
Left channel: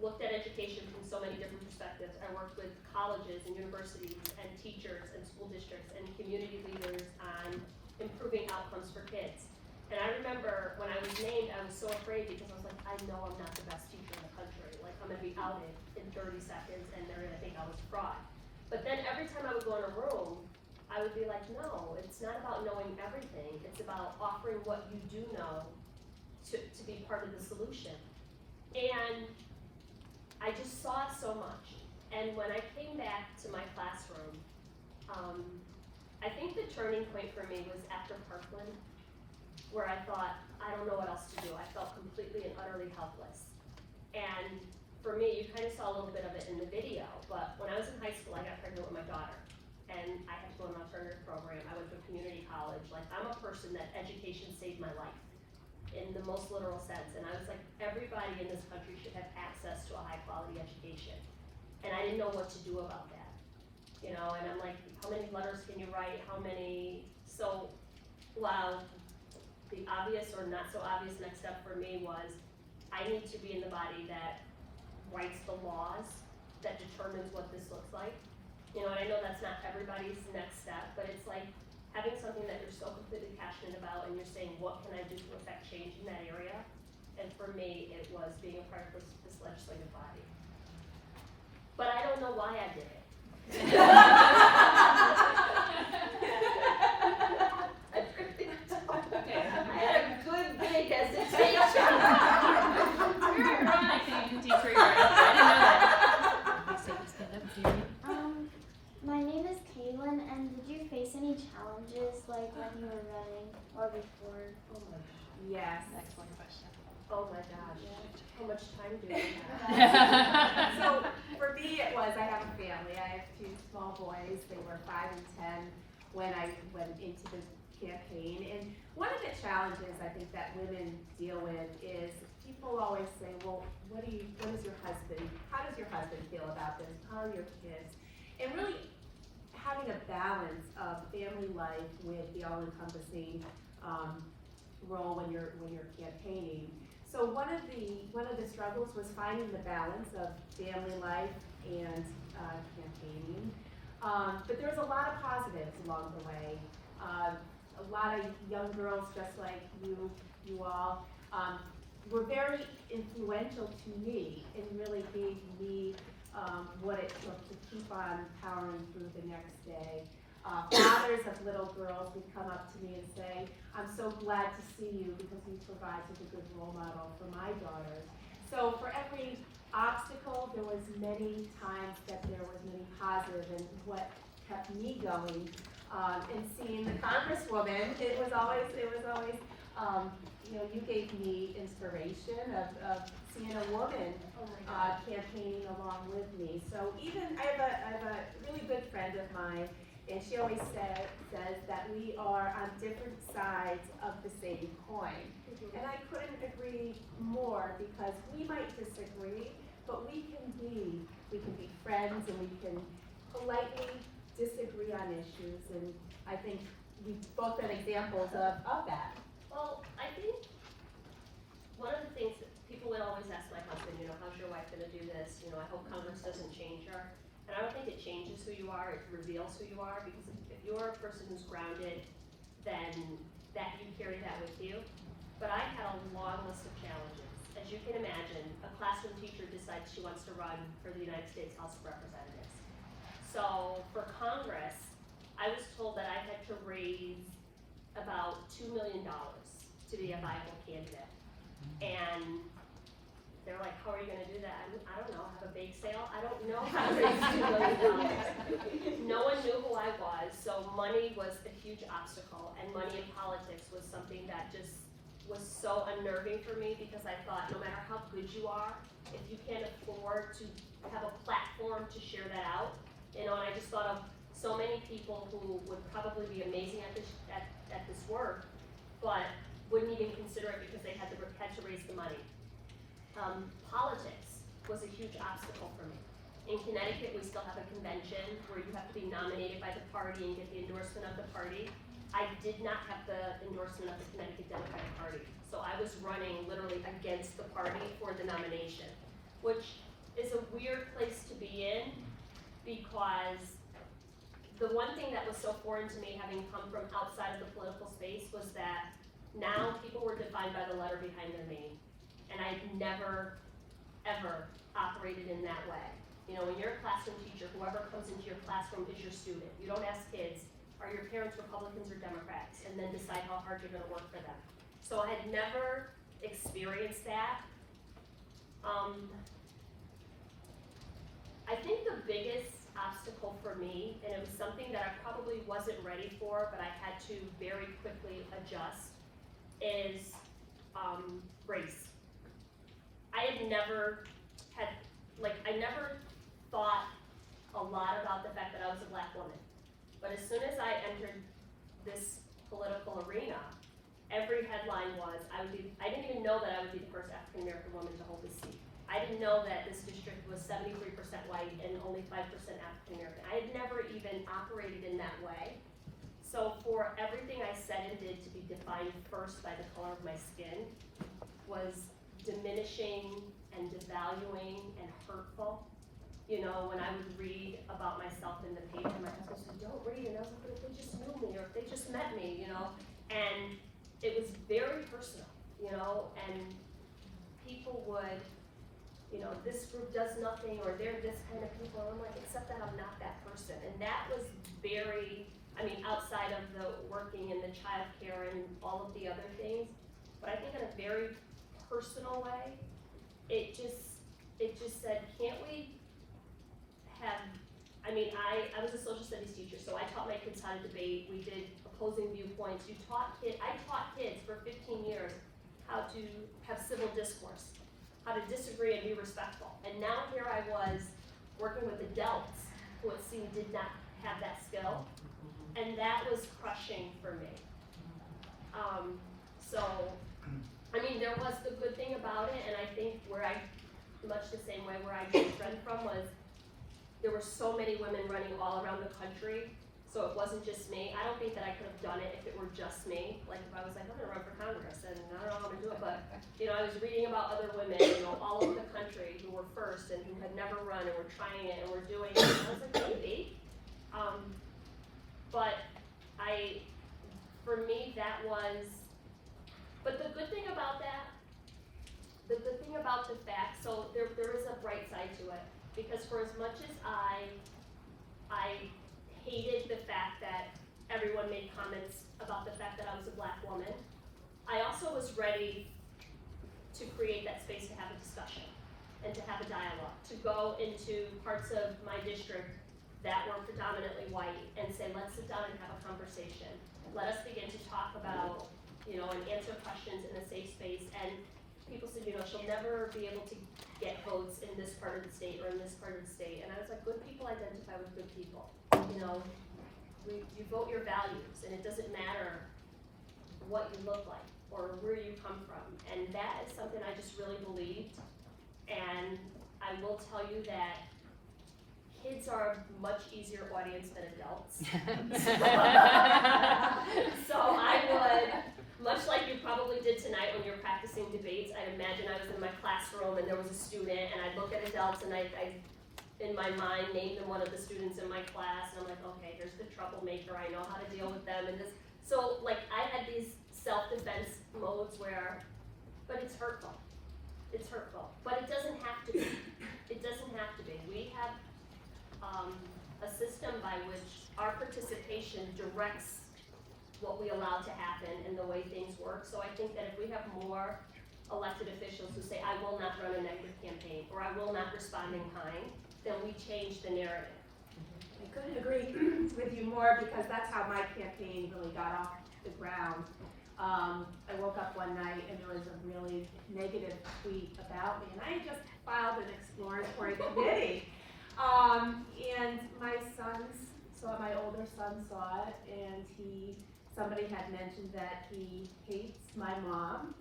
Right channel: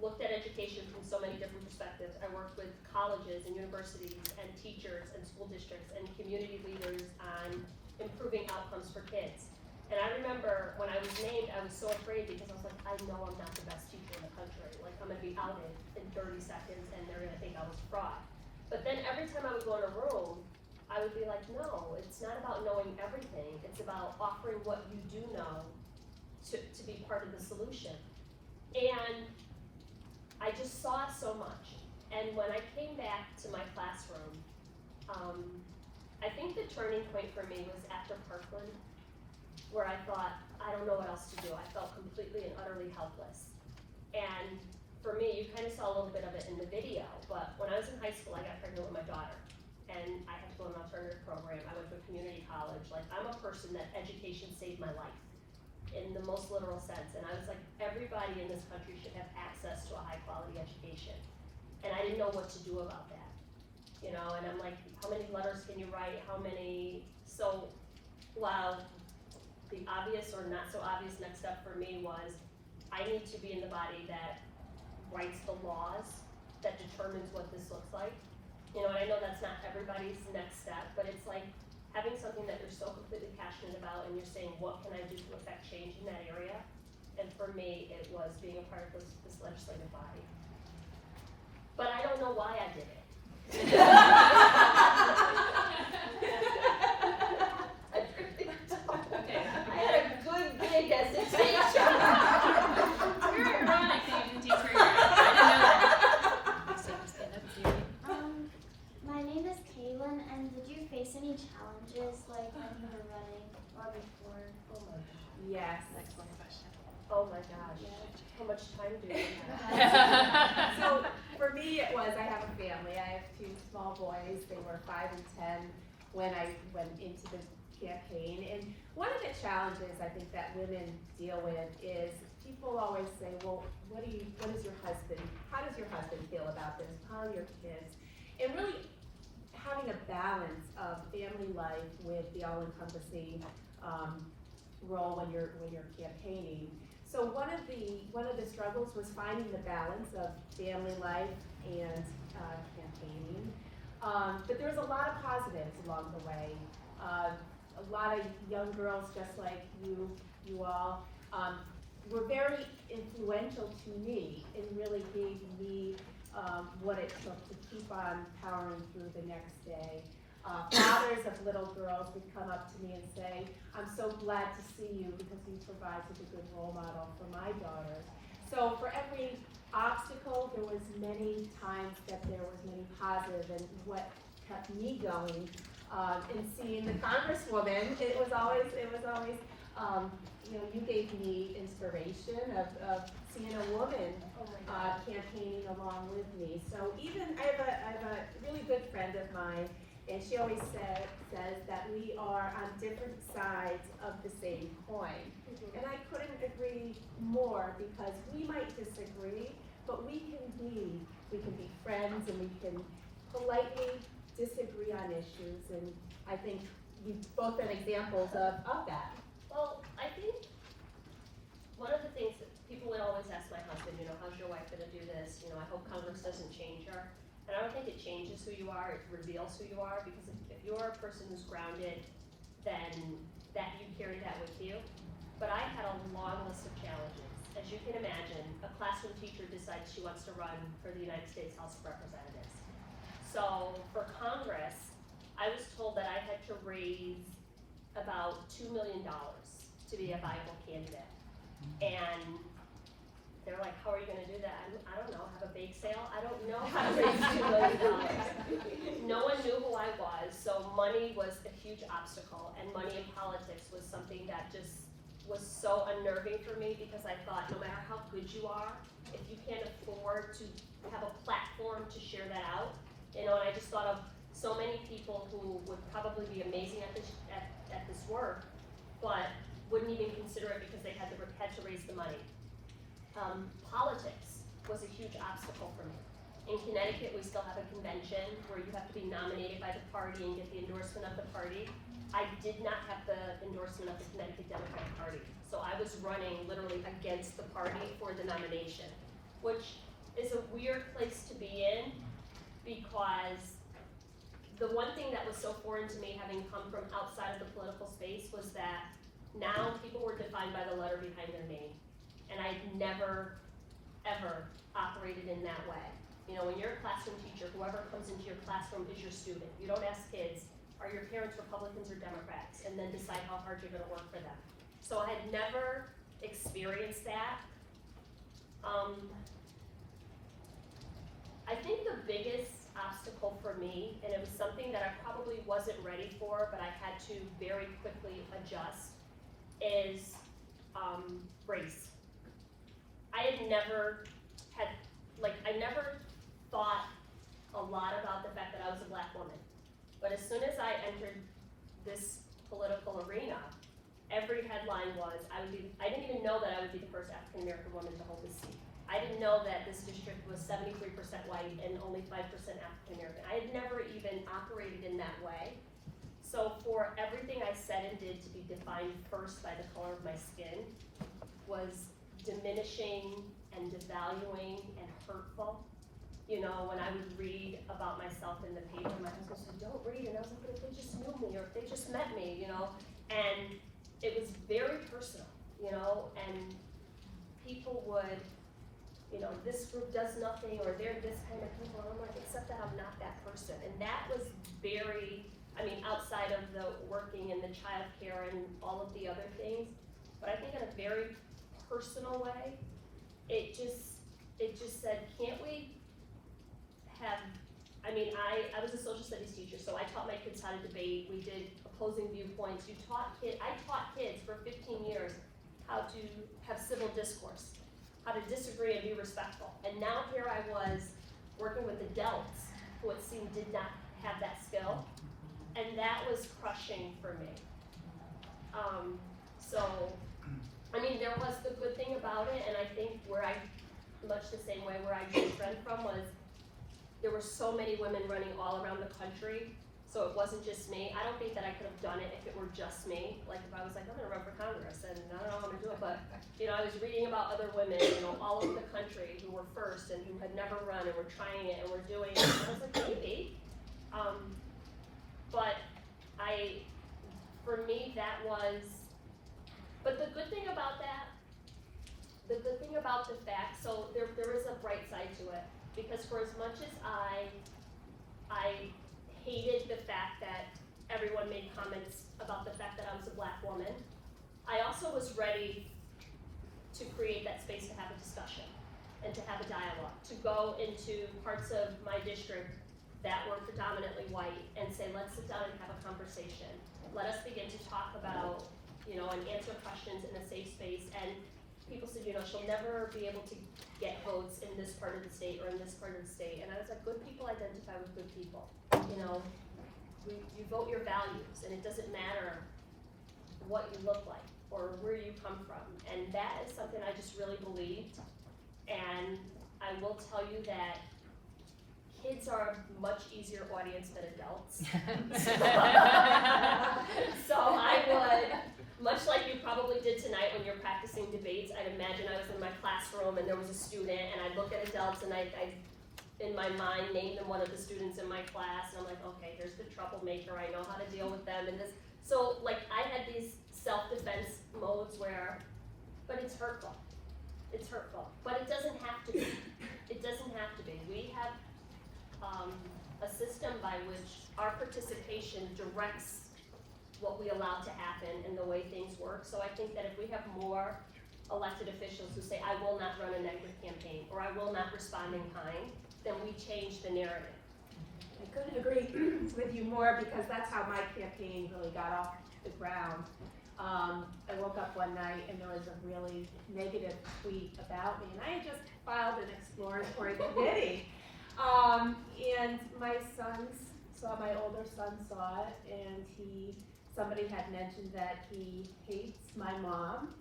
looked at education from so many different perspectives. I worked with colleges and universities and teachers and school districts and community leaders on improving outcomes for kids. And I remember when I was named, I was so afraid because I was like, I know I'm not the best teacher in the country. Like, I'm gonna be outed in 30 seconds and they're gonna think I was a fraud. But then every time I would go in a room, I would be like, no, it's not about knowing everything. It's about offering what you do know to be part of the solution. And I just saw so much. And when I came back to my classroom, I think the turning point for me was after Parkland, where I thought, I don't know what else to do. I felt completely and utterly helpless. And for me, you kind of saw a little bit of it in the video, but when I was in high school, I got pregnant with my daughter. And I had to go in an alternative program. I went to a community college. Like, I'm a person that education saved my life in the most literal sense. And I was like, everybody in this country should have access to a high quality education. And I didn't know what to do about that. You know, and I'm like, how many letters can you write? How many? So while the obvious or not so obvious next step for me was, I need to be in the body that writes the laws that determines what this looks like. You know, and I know that's not everybody's next step, but it's like having something that you're so completely passionate about and you're saying, what can I do to affect change in that area? And for me, it was being a part of this legislative body. But I don't know why I did it. I really don't. I had a good gig as a teacher. My name is Kaylin, and did you face any challenges like when you were running or before? Oh my gosh. Yes. Oh my gosh. How much time do we have? So for me, it was, I have a family. I have two small boys. They were 5 and 10 when I went into the campaign. And one of the challenges I think that women deal with is people always say, well, what is your husband, how does your husband feel about this? How are your kids? And really having a balance of family life with the all-encompassing role when you're campaigning. So one of the struggles was finding the balance of family life and campaigning. But there was a lot of positives along the way. A lot of young girls, just like you all, were very influential to me and really gave me what it took to keep on powering through the next day. Fathers of little girls would come up to me and say, I'm so glad to see you because you provide such a good role model for my daughters. So for every obstacle, there was many times that there was many positive, and what kept me going and seeing the Congresswoman, it was always you gave me inspiration of seeing a woman campaigning along with me. So even I have a really good friend of mine, and she always says that we are on different sides of the same coin. And I couldn't agree more, because we might disagree, but we can be friends, and we can politely disagree on issues. And I think we've both been examples of that. Well, I think one of the things that people would always ask my husband, how's your wife gonna do this? I hope Congress doesn't change her. And I don't think it changes who you are, it reveals who you are, because if you're a person who's grounded, then that you carry that with you. But I had a long list of challenges. As you can imagine, a classroom teacher decides she wants to run for the United States House of Representatives. So for Congress, I was told that I had to raise about $2 million to be a viable candidate. And they're like, how are you gonna do that? I don't know, have a bake sale? I don't know how to raise $2 million. No one knew who I was, so money was a huge obstacle, and money in politics was something that just was so unnerving for me, because I thought, no matter how good you are, if you can't afford to have a platform to share that out, and I just thought of so many people who would probably be amazing at this work, but wouldn't even consider it because they had to raise the money. Politics was a huge obstacle for me. In Connecticut, we still have a convention where you have to be nominated by the party and get the endorsement of the party. I did not have the endorsement of the Connecticut Democratic Party. So I was running literally against the party for the nomination, which is a weird place to be in, because the one thing that was so foreign to me, having come from outside of the political space, was that now people were defined by the letter behind their name. And I'd never, ever operated in that way. When you're a classroom teacher, whoever comes into your classroom is your student. You don't ask kids, are your parents Republicans or Democrats, and then decide how hard you're gonna work for them. So I had never experienced that. I think the biggest obstacle for me, and it was something that I probably wasn't ready for, but I had to very quickly adjust, is race. I never thought a lot about the fact that I was a Black woman. But as soon as I entered this political arena, every headline was, I didn't even know that I would be the first African American woman to hold this seat. I didn't know that this district was 73% white and only 5% African American. I had never even operated in that way. So for everything I said and did to be defined first by the color of my skin was diminishing and devaluing and hurtful. When I would read about myself in the paper, my husband said, don't read, and I was like, but if they just knew me, or if they just met me, and it was very personal, and people would, this group does nothing, or they're this kind of people, and I'm like, except that I'm not that person. And that was very, outside of the working and the childcare and all of the other things, but I think in a very personal way, it just said, can't we have, I was a social studies teacher, so I taught my kids how to debate. We did opposing viewpoints. I taught kids for 15 years how to have civil discourse, how to disagree and be respectful. And now here I was working with adults who it seemed did not have that skill, and that was crushing for me. There was the good thing about it, and I think much the same way where I drew strength from was, there were so many women running all around the country, so it wasn't just me. I don't think that I could have done it if it were just me. Like if I was like, I'm gonna run for Congress, and I don't know how I'm gonna do it, but I was reading about other women, all over the country who were first and who had never run and were trying it and were doing it. And I was like, maybe. For me, that was, but the good thing about the fact, so there is a bright side to it, because for as much as I hated the fact that everyone made comments about the fact that I was a Black woman, I also was ready to create that space to have a discussion and to have a dialogue, to go into parts of my district that were predominantly white and say, let's sit down and have a conversation. Let us begin to talk about, and answer questions in a safe space. And people said, she'll never be able to get votes in this part of the state or in this part of the state. And I was like, good people identify with good people. You vote your values, and it doesn't matter what you look like or where you come from. And that is something I just really believed. And I will tell you that kids are a much easier audience than adults. So I would, much like you probably did tonight when you're practicing debates, I'd imagine I was in my classroom and there was a student, and I'd look at adults and I in my mind, name them one of the students in my class, and I'm like, okay, here's the troublemaker, I know how to deal with them, and this. So like I had these self-defense modes where, but it's hurtful. It's hurtful, but it doesn't have to be. It doesn't have to be. We have a system by which our participation directs what we allow to happen and the way things work. So I think that if we have more elected officials who say, I will not run a negative campaign, or I will not respond in kind, then we change the narrative. I couldn't agree with you more because that's how my campaign really got off the ground. I woke up one night and there was a really negative tweet about me, and I had just filed an exploratory committee. And my older son saw it, and somebody had mentioned that he hates my mom.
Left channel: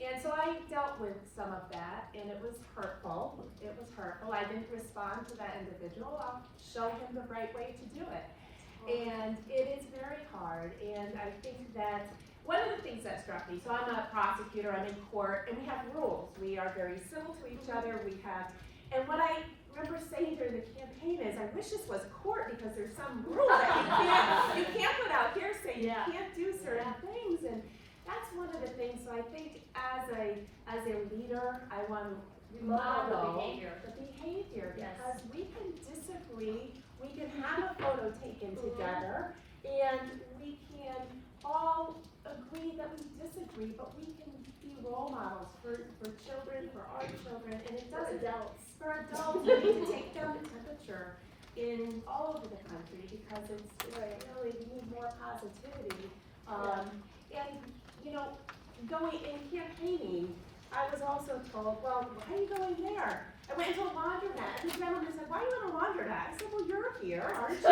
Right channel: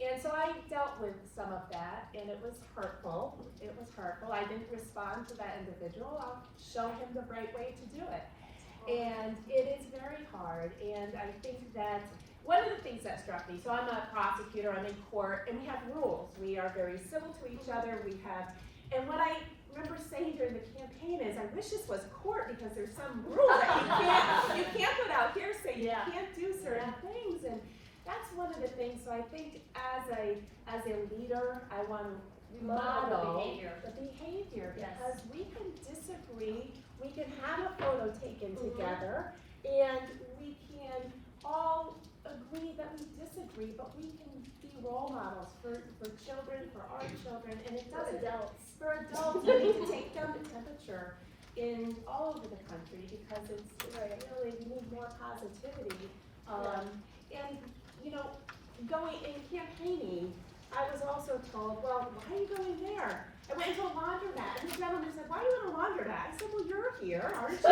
And so I dealt with some of that, and it was hurtful. It was hurtful. I didn't respond to that individual. I'll show him the right way to do it. And it is very hard, and I think that one of the things that struck me, so I'm a prosecutor, I'm in court, and we have rules. We are very civil to each other. And what I remember saying during the campaign is, I wish this was court because there's some rule that you can't put out here saying you can't do certain things. And that's one of the things. So I think as a leader, I want to model the behavior because we can disagree, we can have a photo taken together, and we can all agree that we disagree, but we can be role models for children, for our children, and it doesn't. For adults, we need to take down the temperature in all over the country because it's really, we need more positivity. And going in campaigning, I was also told, well, why are you going there? I went into a laundromat, and the gentleman said, why are you in a laundromat? I said, well, you're here, aren't you?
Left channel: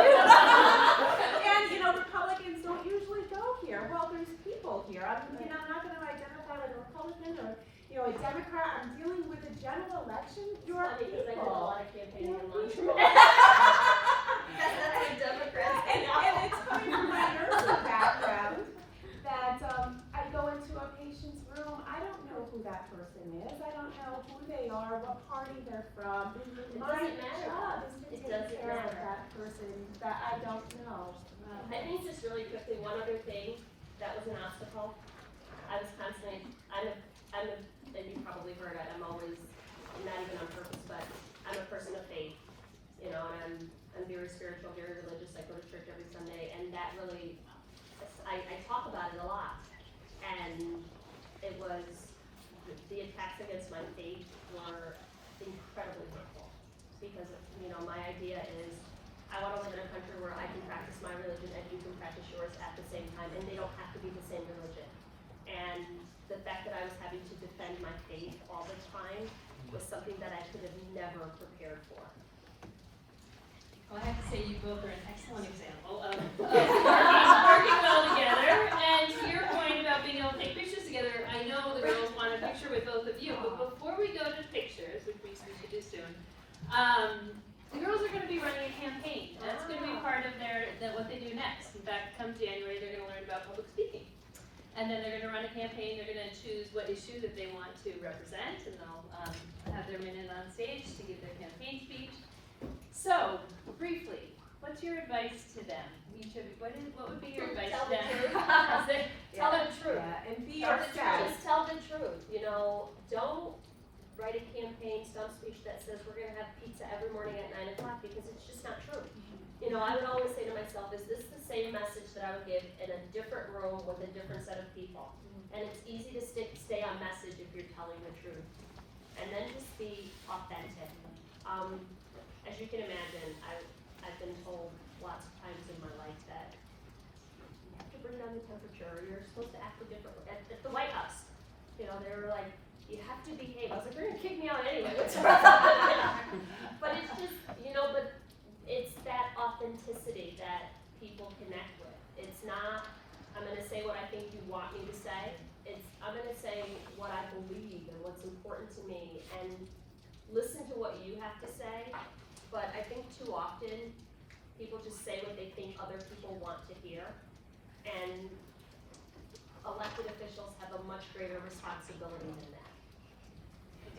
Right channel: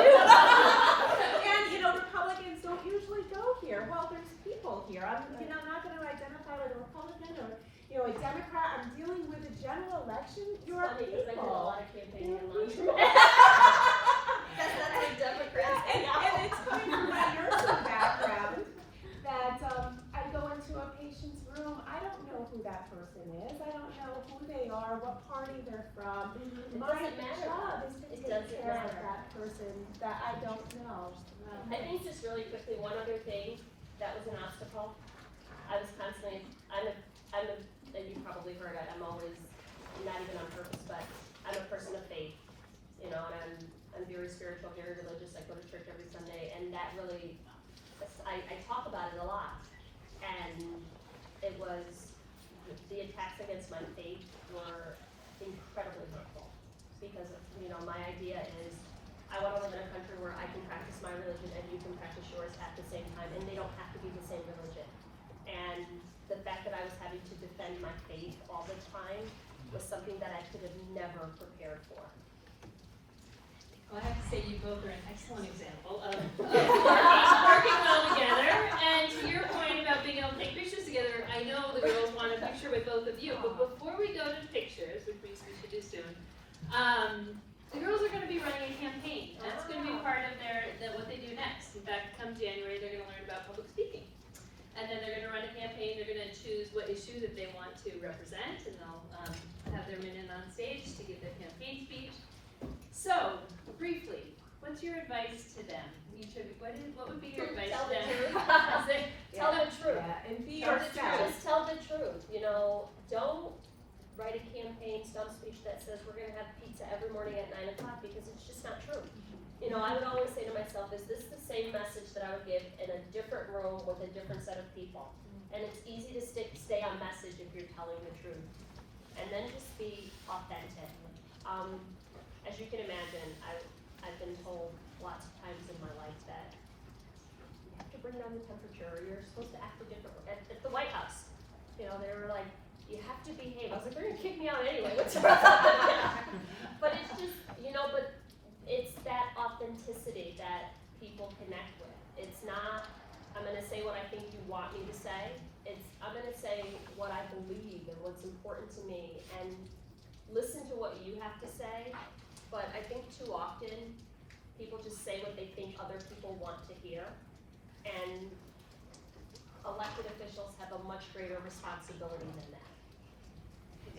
And Republicans don't usually go here. Well, there's people here. I'm not going to identify with a Republican or a Democrat. I'm dealing with a general election. You're people. I did a lot of campaigning in laundromat. That's Democrats. And it's clear from my nursing background that I go into a patient's room. I don't know who that person is. I don't know who they are, what party they're from. My job is to take care of that person that I don't know. I think just really quickly, one other thing that was an obstacle. I was constantly, and you probably heard it, I'm always, not even on purpose, but I'm a person of faith, and I'm very spiritual, very religious. I go to church every Sunday, and that really, I talk about it a lot. And it was, the attacks against my faith were incredibly hurtful because, my idea is I want to live in a country where I can practice my religion and you can practice yours at the same time, and they don't have to be the same religion. And the fact that I was having to defend my faith all the time was something that I could have never prepared for. Well, I have to say you both are an excellent example of working well together. And to your point about being able to take pictures together, I know the girls want a picture with both of you. But before we go to pictures, which we should do soon, the girls are going to be running a campaign. That's going to be part of what they do next. In fact, come January, they're going to learn about public speaking. And then they're going to run a campaign. They're going to choose what issue that they want to represent, and they'll have their men on stage to give their campaign speech. So, briefly, what's your advice to them? What would be your advice to them? Tell the truth. And be yourself. Just tell the truth. Don't write a campaign stump speech that says we're going to have pizza every morning at 9 o'clock because it's just not true. I would always say to myself, is this the same message that I would give in a different room with a different set of people? And it's easy to stay on message if you're telling the truth. And then just be authentic. As you can imagine, I've been told lots of times in my life that you have to bring down the temperature, or you're supposed to act a different way. At the White House, they were like, you have to behave. I was like, they're gonna kick me out anyway. What's wrong? But it's just, but it's that authenticity that people connect with. It's not, I'm gonna say what I think you want me to say. I'm gonna say what I believe and what's important to me, and listen to what you have to say. But I think too often, people just say what they think other people want to hear. And elected officials have a much greater responsibility than that.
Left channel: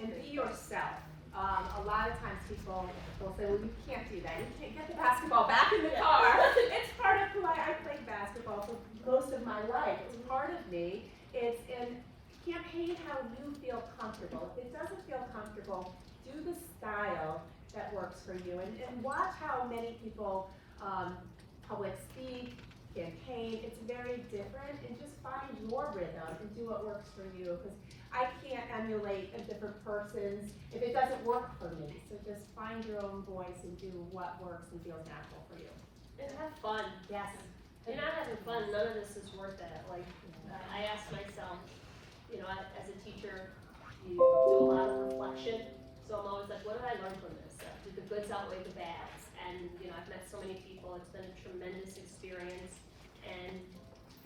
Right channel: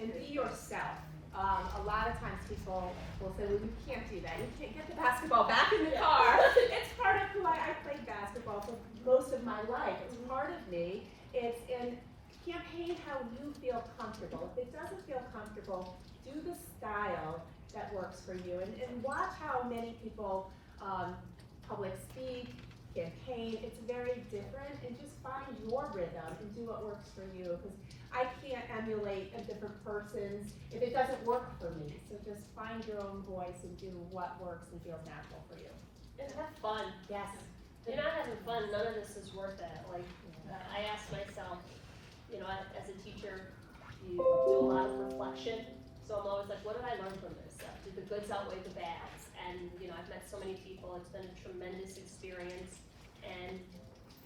And be yourself. A lot of times people will say, well, you can't do that. You can't get the basketball back in the car. It's part of who I played basketball for most of my life. It's part of me. It's in campaign how you feel comfortable. If it doesn't feel comfortable, do the style that works for you. And watch how many people public speak, campaign. It's very different, and just find your rhythm and do what works for you. Because I can't emulate a different person's if it doesn't work for me. So just find your own voice and do what works and feels natural for you. And have fun. Yes. If you're not having fun, none of this is worth it. Like, I asked myself, you know, as a teacher, you do a lot of reflection. So I'm always like, what did I learn from this? Did the goods outweigh the bads? And, you know, I've met so many people. It's been a tremendous experience. And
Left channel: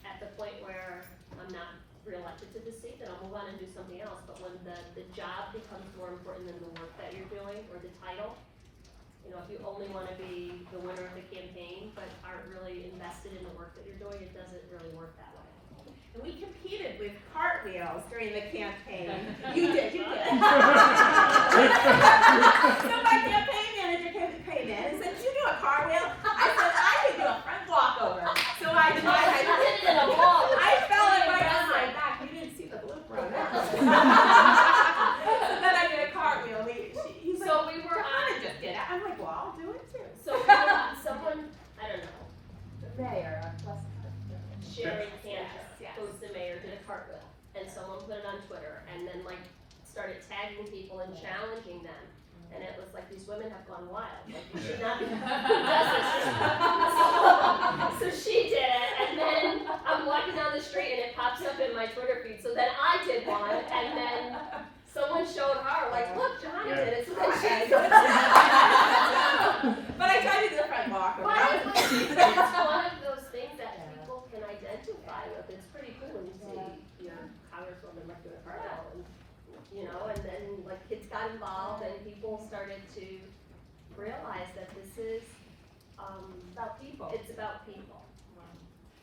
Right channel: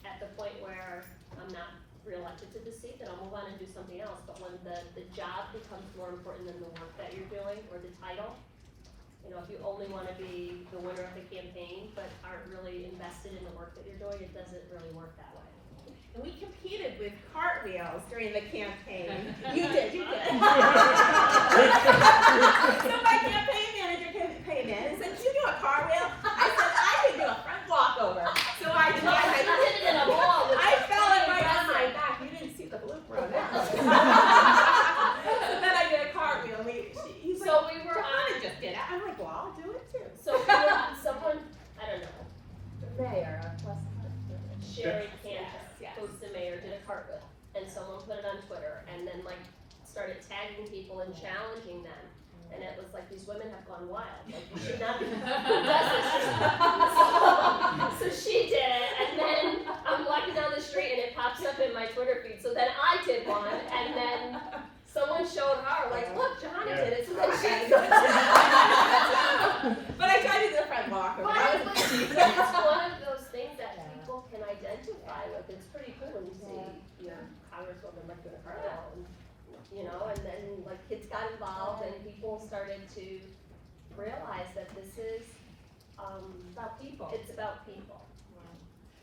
at the point where I'm not reelected to the seat, then I'll move on and do something else. But when the job becomes more important than the work that you're doing or the title, you know, if you only want to be the winner of the campaign but aren't really invested in the work that you're doing, it doesn't really work that way. And we competed with cartwheels during the campaign. You did. So my campaign manager came in and said, "Did you do a cartwheel?" I said, "I could do a front walkover." So I tried. I fell right on my back. You didn't see the blooper on that. So then I did a cartwheel. He's like, So we were Jahana just did it. I'm like, well, I'll do it too. So someone, I don't know, The mayor of Sherry Kansas, Yes. who's the mayor, did a cartwheel, and someone put it on Twitter, and then like started tagging people and challenging them, and it was like, these women have gone wild, like you should not be, who does this? So she did it, and then I'm walking down the street and it pops up in my Twitter feed, so then I did one, and then someone showed her, like, look, Jahana did it, so then she did it. But I tried to do the front walkover. That was It's one of those things that people can identify with. It's pretty cool when you see, you know, congresswomen like doing a cartwheel, and you know, and then like kids got involved and people started to realize that this is about people. It's about people.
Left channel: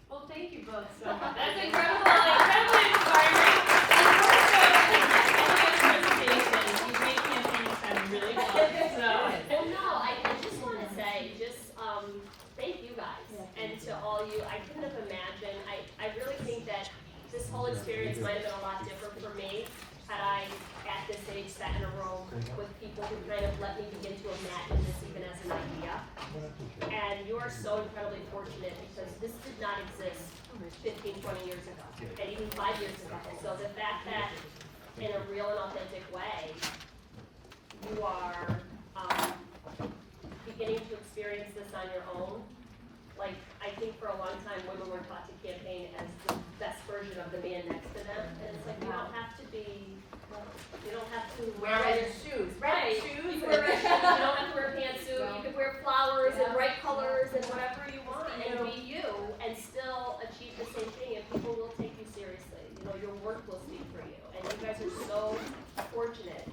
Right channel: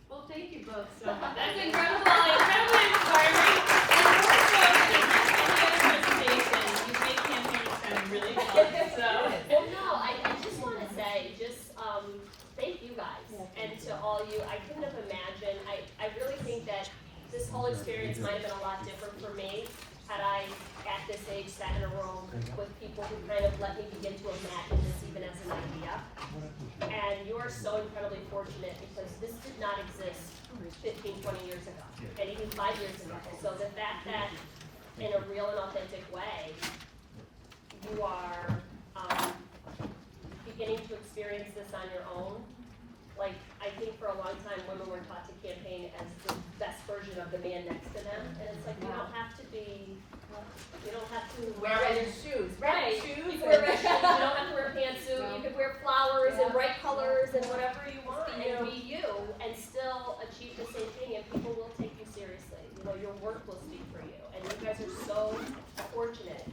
Well, thank you both so much. That's incredible, incredibly inspiring. You made campaigning sound really fun. Well, no, I just want to say, thank you guys, and to all you. I couldn't have imagined. I really think that this whole experience might have been a lot different for me had I, at this age, sat in a room with people who kind of let me begin to imagine this even as an idea. And you are so incredibly fortunate because this did not exist 15, 20 years ago, and even 5 years ago. So the fact that, in a real and authentic way, you are beginning to experience this on your own. Like, I think for a long time, women were taught to campaign as the best version of the man next to them, and it's like, you don't have to be, you don't have to wear red shoes. Right. Shoes. You can wear red shoes, you don't have to wear a pantsuit, you can wear flowers and bright colors and whatever you want, and be you, and still achieve the same thing, and people will take you seriously. You know, your work will speak for you, and you guys are so fortunate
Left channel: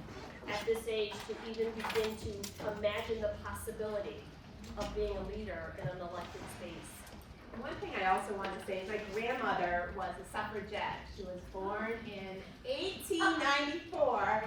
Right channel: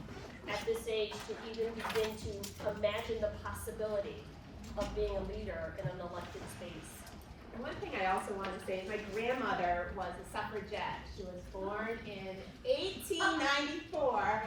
at this age to even begin to imagine the possibility of being a leader in an elected space. And one thing I also want to say is my grandmother was a suffragette. She was born in 1894,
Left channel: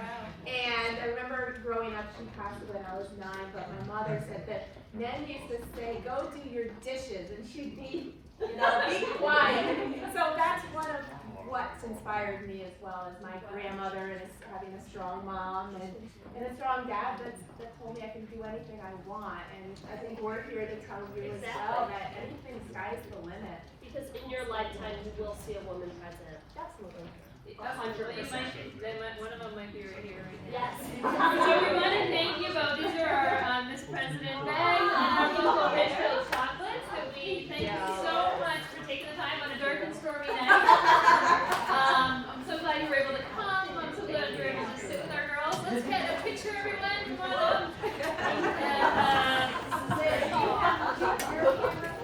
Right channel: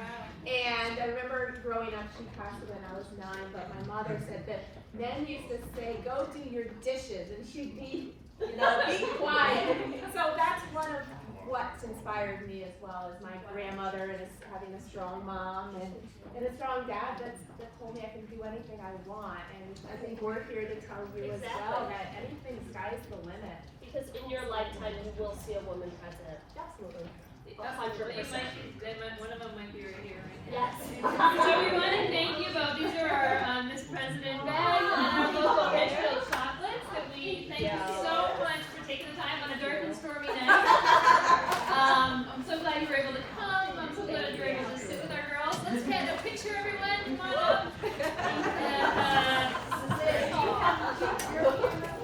and I remember growing up, she passed away when I was 9, but my mother said that men used to say, go do your dishes, and she'd be, you know, be quiet. So that's one of what's inspired me as well, as my grandmother and having a strong mom and a strong dad that told me I can do anything I want. And I think we're here to tell you as well that anything, the sky's the limit. Because in your lifetime, you will see a woman president. Absolutely. 100%. One of them might be right here. Yes. So we want to thank you both. These are our Miss President bags and our local Hatfield chocolates. And we thank you so much for taking the time on a dark and stormy night. I'm so glad you were able to come. I'm so glad you were able to sit with our girls. Let's get a picture, everyone. Come on up. And,